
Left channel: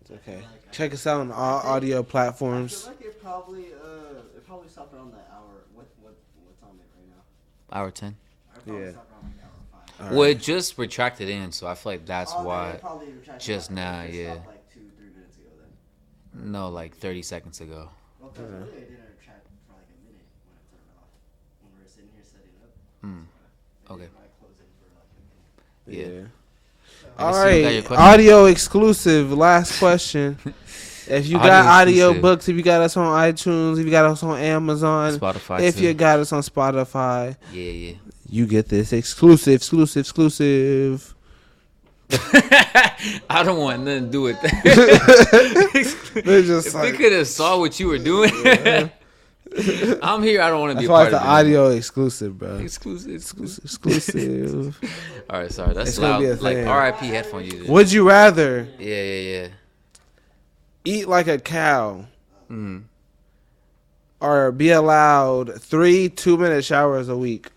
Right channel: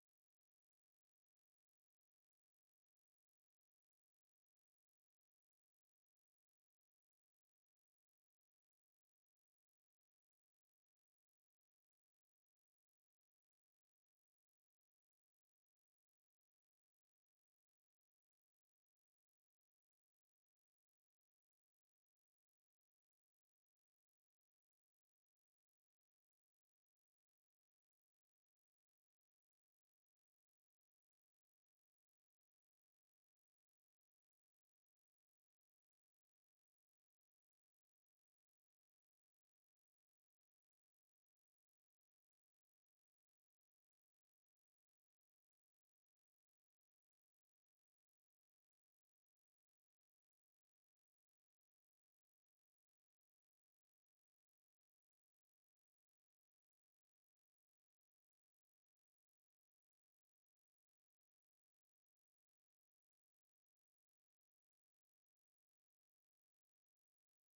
It's Okay. Check us out on all audio I platforms. feel like it probably stopped around the hour. What's on it right now? Hour 10. I probably Yeah. stopped around like hour 5. All Well, right. it just retracted in, so I feel like that's Oh, why. then it probably retracted just out. now, It yeah. stopped like 2-3 minutes ago then. No, like 30 seconds ago. Well, because earlier it didn't retract for like a minute when I turned it off. When we were sitting here setting up. Hmm. It Okay. didn't, like, close in for like a minute. Yeah. Yeah. I All see you got your right. question. Audio exclusive. Last question. If you got Audio audio exclusive. books, if you got us on iTunes, if you got us on Amazon, Spotify. if too. you got us on Spotify, Yeah, you get this exclusive. I don't want nothing to do with that. They're just If like, we could have saw what you were doing, I'm here. I don't want to be that's a why part it's of the it. audio exclusive, bro. Exclusive. Exclusive. All right, sorry. That's It's gonna loud. be a Like thing. RIP headphone users. Would you rather Yeah. eat like a cow Mm. or be allowed 3 2-minute showers a week?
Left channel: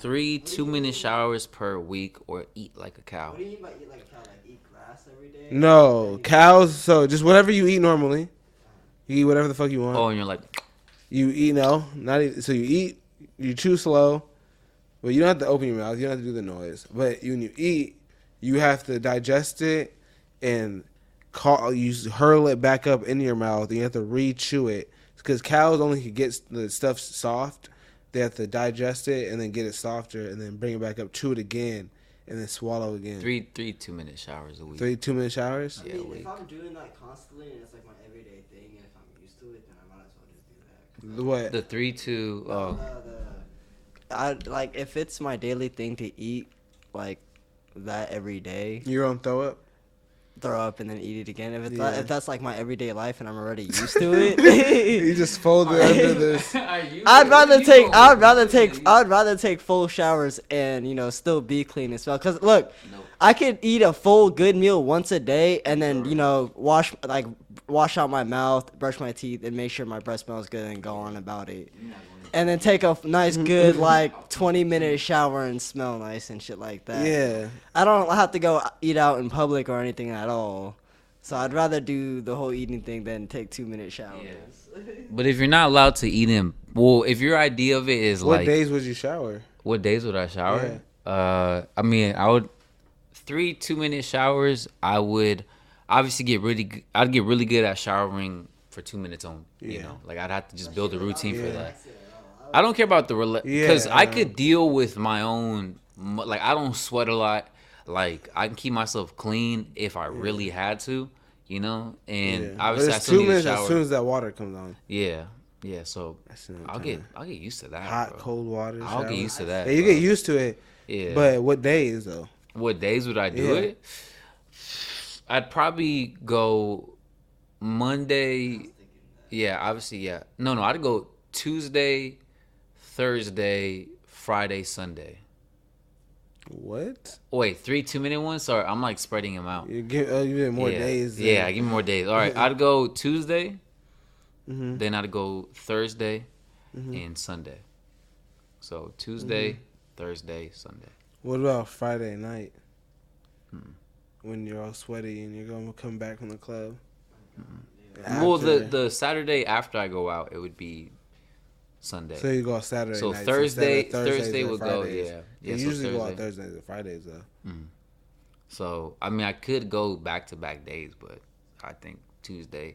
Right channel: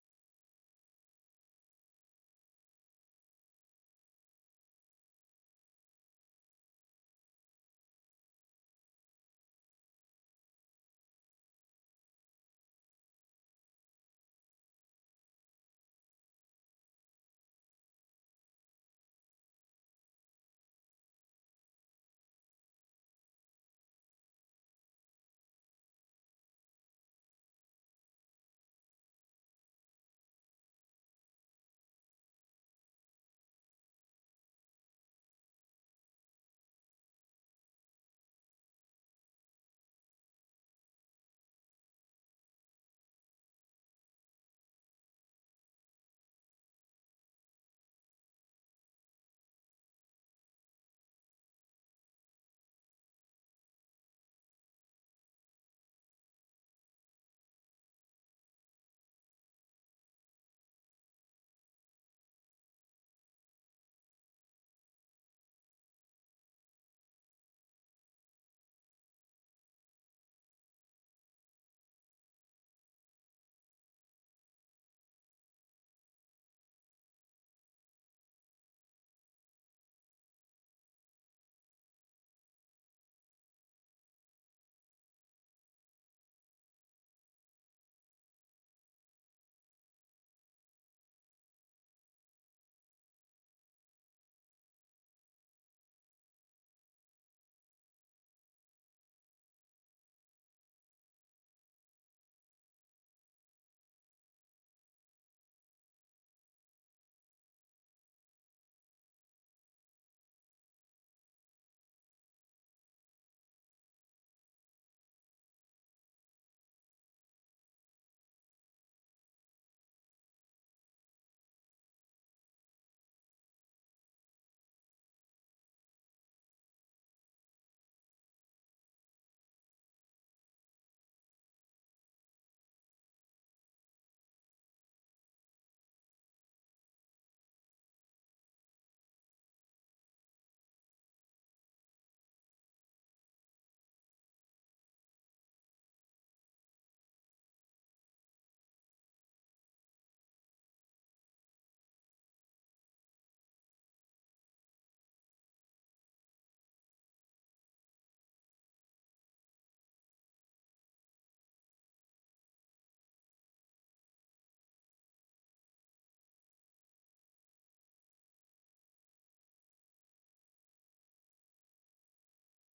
3 2-minute showers per week, or eat like a cow. What do you mean by eat like a cow? Like eat grass every day? No, cows. So just whatever you eat normally, you eat whatever the fuck you want. Oh, and you're like, You eat so you eat, you chew slow, but you don't have to open your mouth. You don't have to do the noise. But when you eat, you have to digest it and you hurl it back up into your mouth. And you have to re-chew it because cows only can get the stuff soft. They have to digest it and then get it softer and then bring it back up, chew it again, and then swallow again. 3 2-minute showers a week. 3 2-minute showers. I Yeah, mean, week. if I'm doing that constantly and it's like my everyday thing, and if I'm used to it, then I might as well just do that. What? The 3 2. Oh, I like if it's my daily thing to eat like that every day, Your own throw up. throw up and then eat it again. If it's Yeah. if that's like my everyday life and I'm already used to it, You just fold it under this. I'd rather take full showers and still be clean as well. Cause look, I could eat a full good meal once a day and then wash out my mouth, brush my teeth, and make sure my breath smells good and go on about it. And then take a nice good 20-minute shower and smell nice and shit like that. Yeah. I don't have to go eat out in public or anything at all. So I'd rather do the whole eating thing than take 2-minute showers. But if you're not allowed to eat in, well, if your idea of it is What like, days would you shower? what days would I shower? I mean, I would 3 2-minute showers. I would obviously I'd get really good at showering for 2 minutes only. You Yeah. know, like I'd have to just build a routine for Yeah. that. I don't care about the because Yeah, I could deal with my own. Like I don't sweat a lot. Like I can keep myself clean if I really had to. And Yeah. obviously But I it's still 2 need to minutes shower. as soon as that water comes on. Yeah. So That's the I'll time. get used to that. Hot, bro. cold water. I'll shower. get used to that. Yeah, you bro. get used to it. Yeah. But what days though? What days would I do Yeah. it? I'd probably go Monday. Yeah, obviously, yeah. No, I'd go Tuesday, Thursday, Friday, Sunday. What? Wait, 3 2-minute ones? Sorry, I'm like spreading them out. You get more yeah. days. Yeah, give me more days. All right, I'd go Tuesday, Mm-hmm. then I'd go Thursday Mm-hmm. and Sunday. So Tuesday, Thursday, Sunday. What about Friday night? Hmm. When you're all sweaty and you're gonna come back from the club. Well, After- the Saturday after I go out, it would be Sunday. So you go Saturday So nights Thursday, instead of Thursdays Thursday or would go, Fridays. yeah. You So usually go out Thursday. Thursdays or Fridays though. So I mean, I could go back to back days, but I think Tuesday.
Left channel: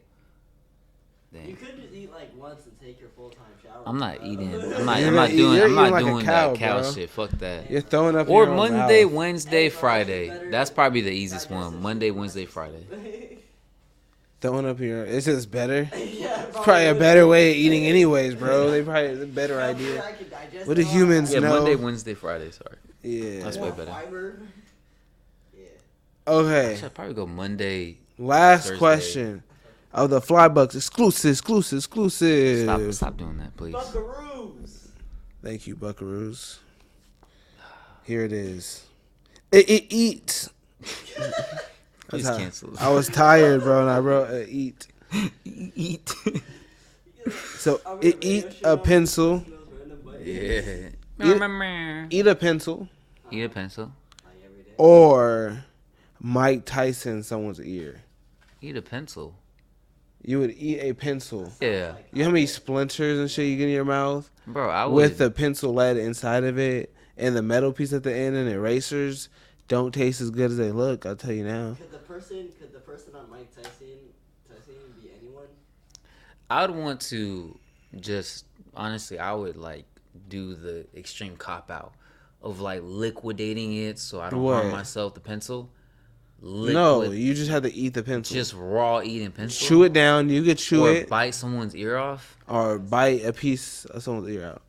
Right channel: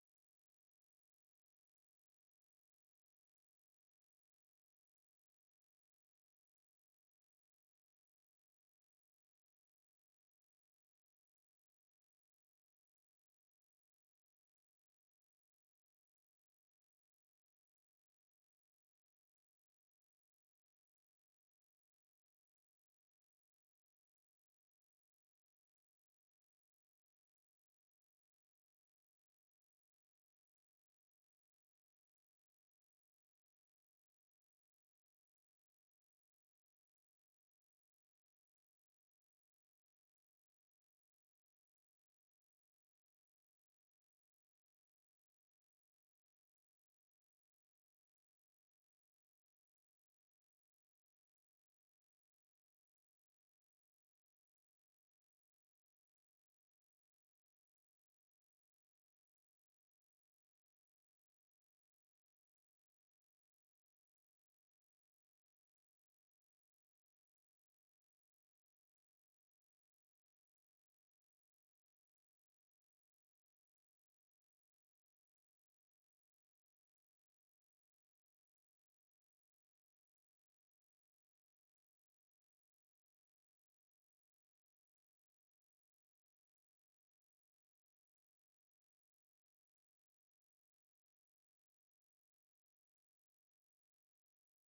You Then could just eat like once and take your full-time shower. I'm not eating. You're I'm not not eating- doing. you're I'm not eating like a doing cow, that cow bro. shit. Fuck that. You're throwing up. Or in your own Monday, mouth. Wednesday, Friday. That's probably the easiest one. Monday, Wednesday, Friday. Throwing up here. It's just better. Yeah, It's probably a better way of eating, anyways, bro. They probably a better idea. What do humans Yeah, know? Monday, Wednesday, Friday. Sorry. Yeah. That's way better. Okay. Actually, I'd probably go Monday. Last Thursday. question of the Flybucks exclusive. Stop doing that, please. Thank you, Buckaroos. Here it is. Eat. Please That's how- cancel. I was tired, bro, and I wrote eat. Eat. So eat a pencil. Yeah. Eat a pencil Eat a pencil. or Mike Tyson someone's ear. Eat a pencil. You would eat a pencil. Yeah, You know how many splinters and shit you get in your mouth bro. I would. with the pencil lead inside of it and the metal piece at the end and erasers don't taste as good as they look. I'll tell you now. Could the person on Mike Tyson be anyone? I would want to just honestly. I would like do the extreme cop out of like liquidating it so I don't harm What? myself. The pencil. No, you just have to eat the pencil. Just raw eating pencil. chew it down. You could chew or it bite someone's ear off. or bite a piece of someone's ear out.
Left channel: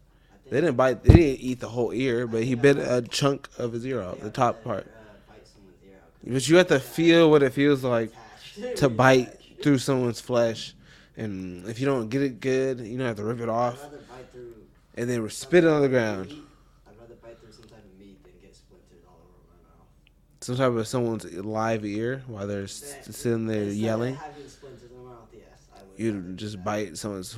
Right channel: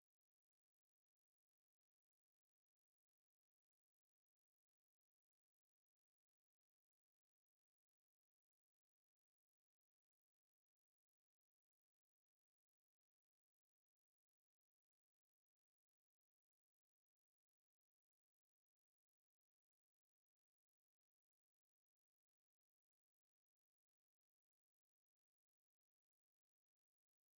They didn't eat the whole ear, but he bit a chunk of his ear off, the top part. Bite someone's ear out. But you have to feel what it feels like to bite through someone's flesh. And if you don't get it good, you don't have to rip it off I'd rather bite through. and then spit it on the ground. I'd rather bite through some type of meat than get splintered all over my mouth. Some type of someone's live ear while they're sitting there yelling. Instead of having splinters in my mouth, yes, I would. You just bite someone's.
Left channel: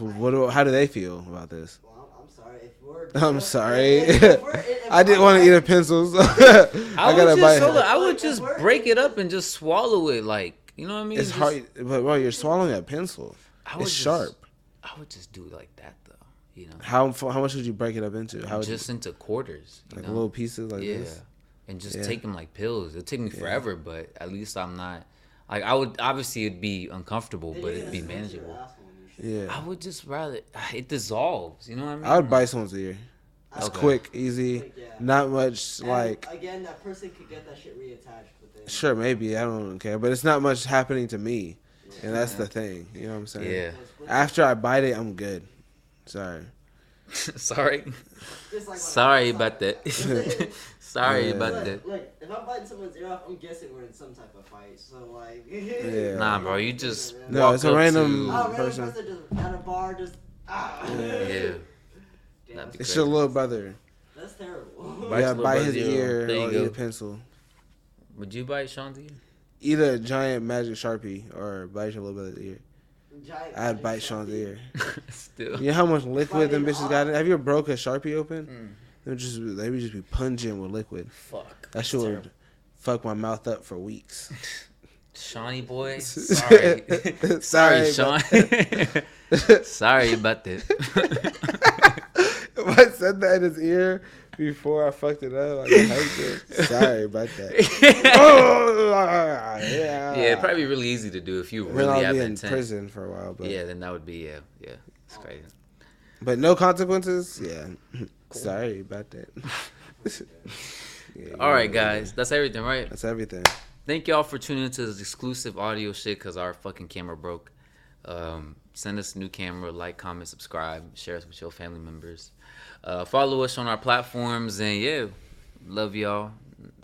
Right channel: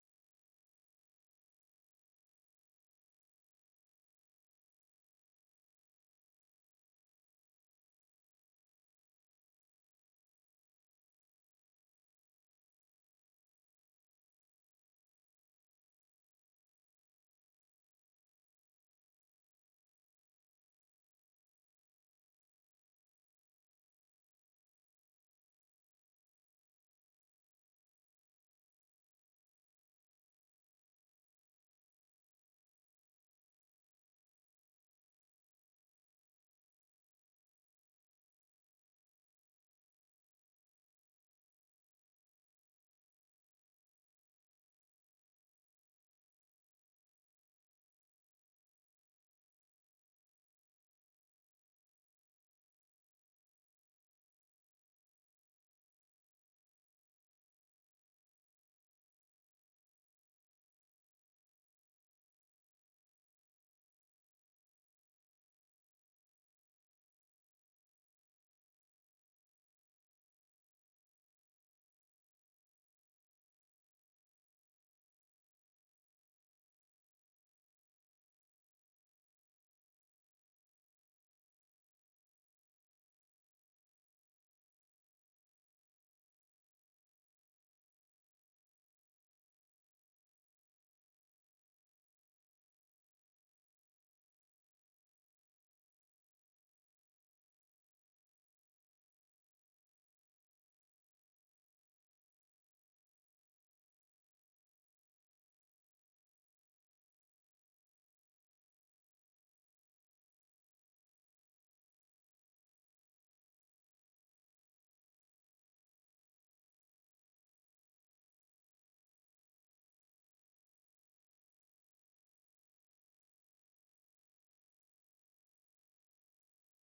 How do they feel about this? Well, I'm sorry. If we're. I'm sorry. if I didn't want to eat a pencil, so I gotta bite. I would just break it up and just swallow it, like you know what I mean. It's Just- hard, but bro, you're swallowing a pencil. I would It's just- sharp. I would just do it like that though, you know. How much would you break it up into? How would Just into quarters, you like know? little pieces like yeah, this? and just Yeah. take them like pills. It'll take me forever, but at least I'm not. Like I would obviously it'd be uncomfortable, but it'd be manageable. Yeah, I would just rather it dissolves. You know what I mean? I would bite someone's ear. It's Okay. quick, easy, Yeah. not much And like. again, that person could get that shit reattached within. Sure, maybe I don't care, but it's not much happening to me, and that's the thing. You know what I'm saying? Yeah. After I bite it, I'm good. Sorry. Sorry. Just like when Sorry I'm about that. Sorry Yeah. about that. Look, if I'm biting someone's ear off, I'm guessing we're in some type of fight. So like. Yeah. Nah, bro, you just No, walk it's a up random- to- Oh, random person. person just at a bar, just. Yeah. Damn, That'd be It's your little brother. that's terrible. Bite Yeah, your bite little his brother's ear. ear There you or go. eat a pencil. Would you bite Sean's ear? Eat a giant magic Sharpie or bite your little brother's ear. Giant I'd magic bite Sean's Sharpie. ear. Still. You know how much liquid them Bite it bitches got in? off? Have you ever broke a Sharpie open? Mm. They would just be pungent with liquid. Fuck. That shit would fuck my mouth up for weeks. Shawnee boy. Sorry. Sorry, Sorry, Sean. Sorry about that. If I said that in his ear before I fucked it up, like I hyped it. Sorry about that. Oh, yeah. Yeah, it'd probably be really easy to do if you Then really I'll have be the in intent. prison for a while, but Yeah, then that would be yeah. It's crazy. but no consequences. Yeah, sorry about that. Yeah, All right, guys, that's everything, right? that's everything. Thank y'all for tuning into this exclusive audio shit because our fucking camera broke. Send us a new camera, like, comment, subscribe, share us with your family members. Follow us on our platforms, and yeah, love y'all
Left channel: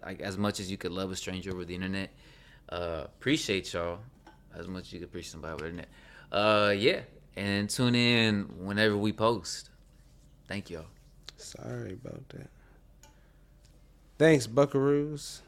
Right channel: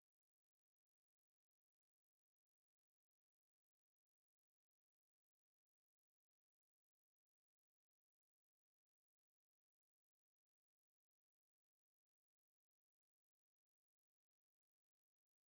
like as much as you could love a stranger over the internet. Appreciate y'all as much as you could appreciate somebody over the internet. Yeah, and tune in whenever we post. Thank y'all. Sorry about that. Thanks, Buckaroos.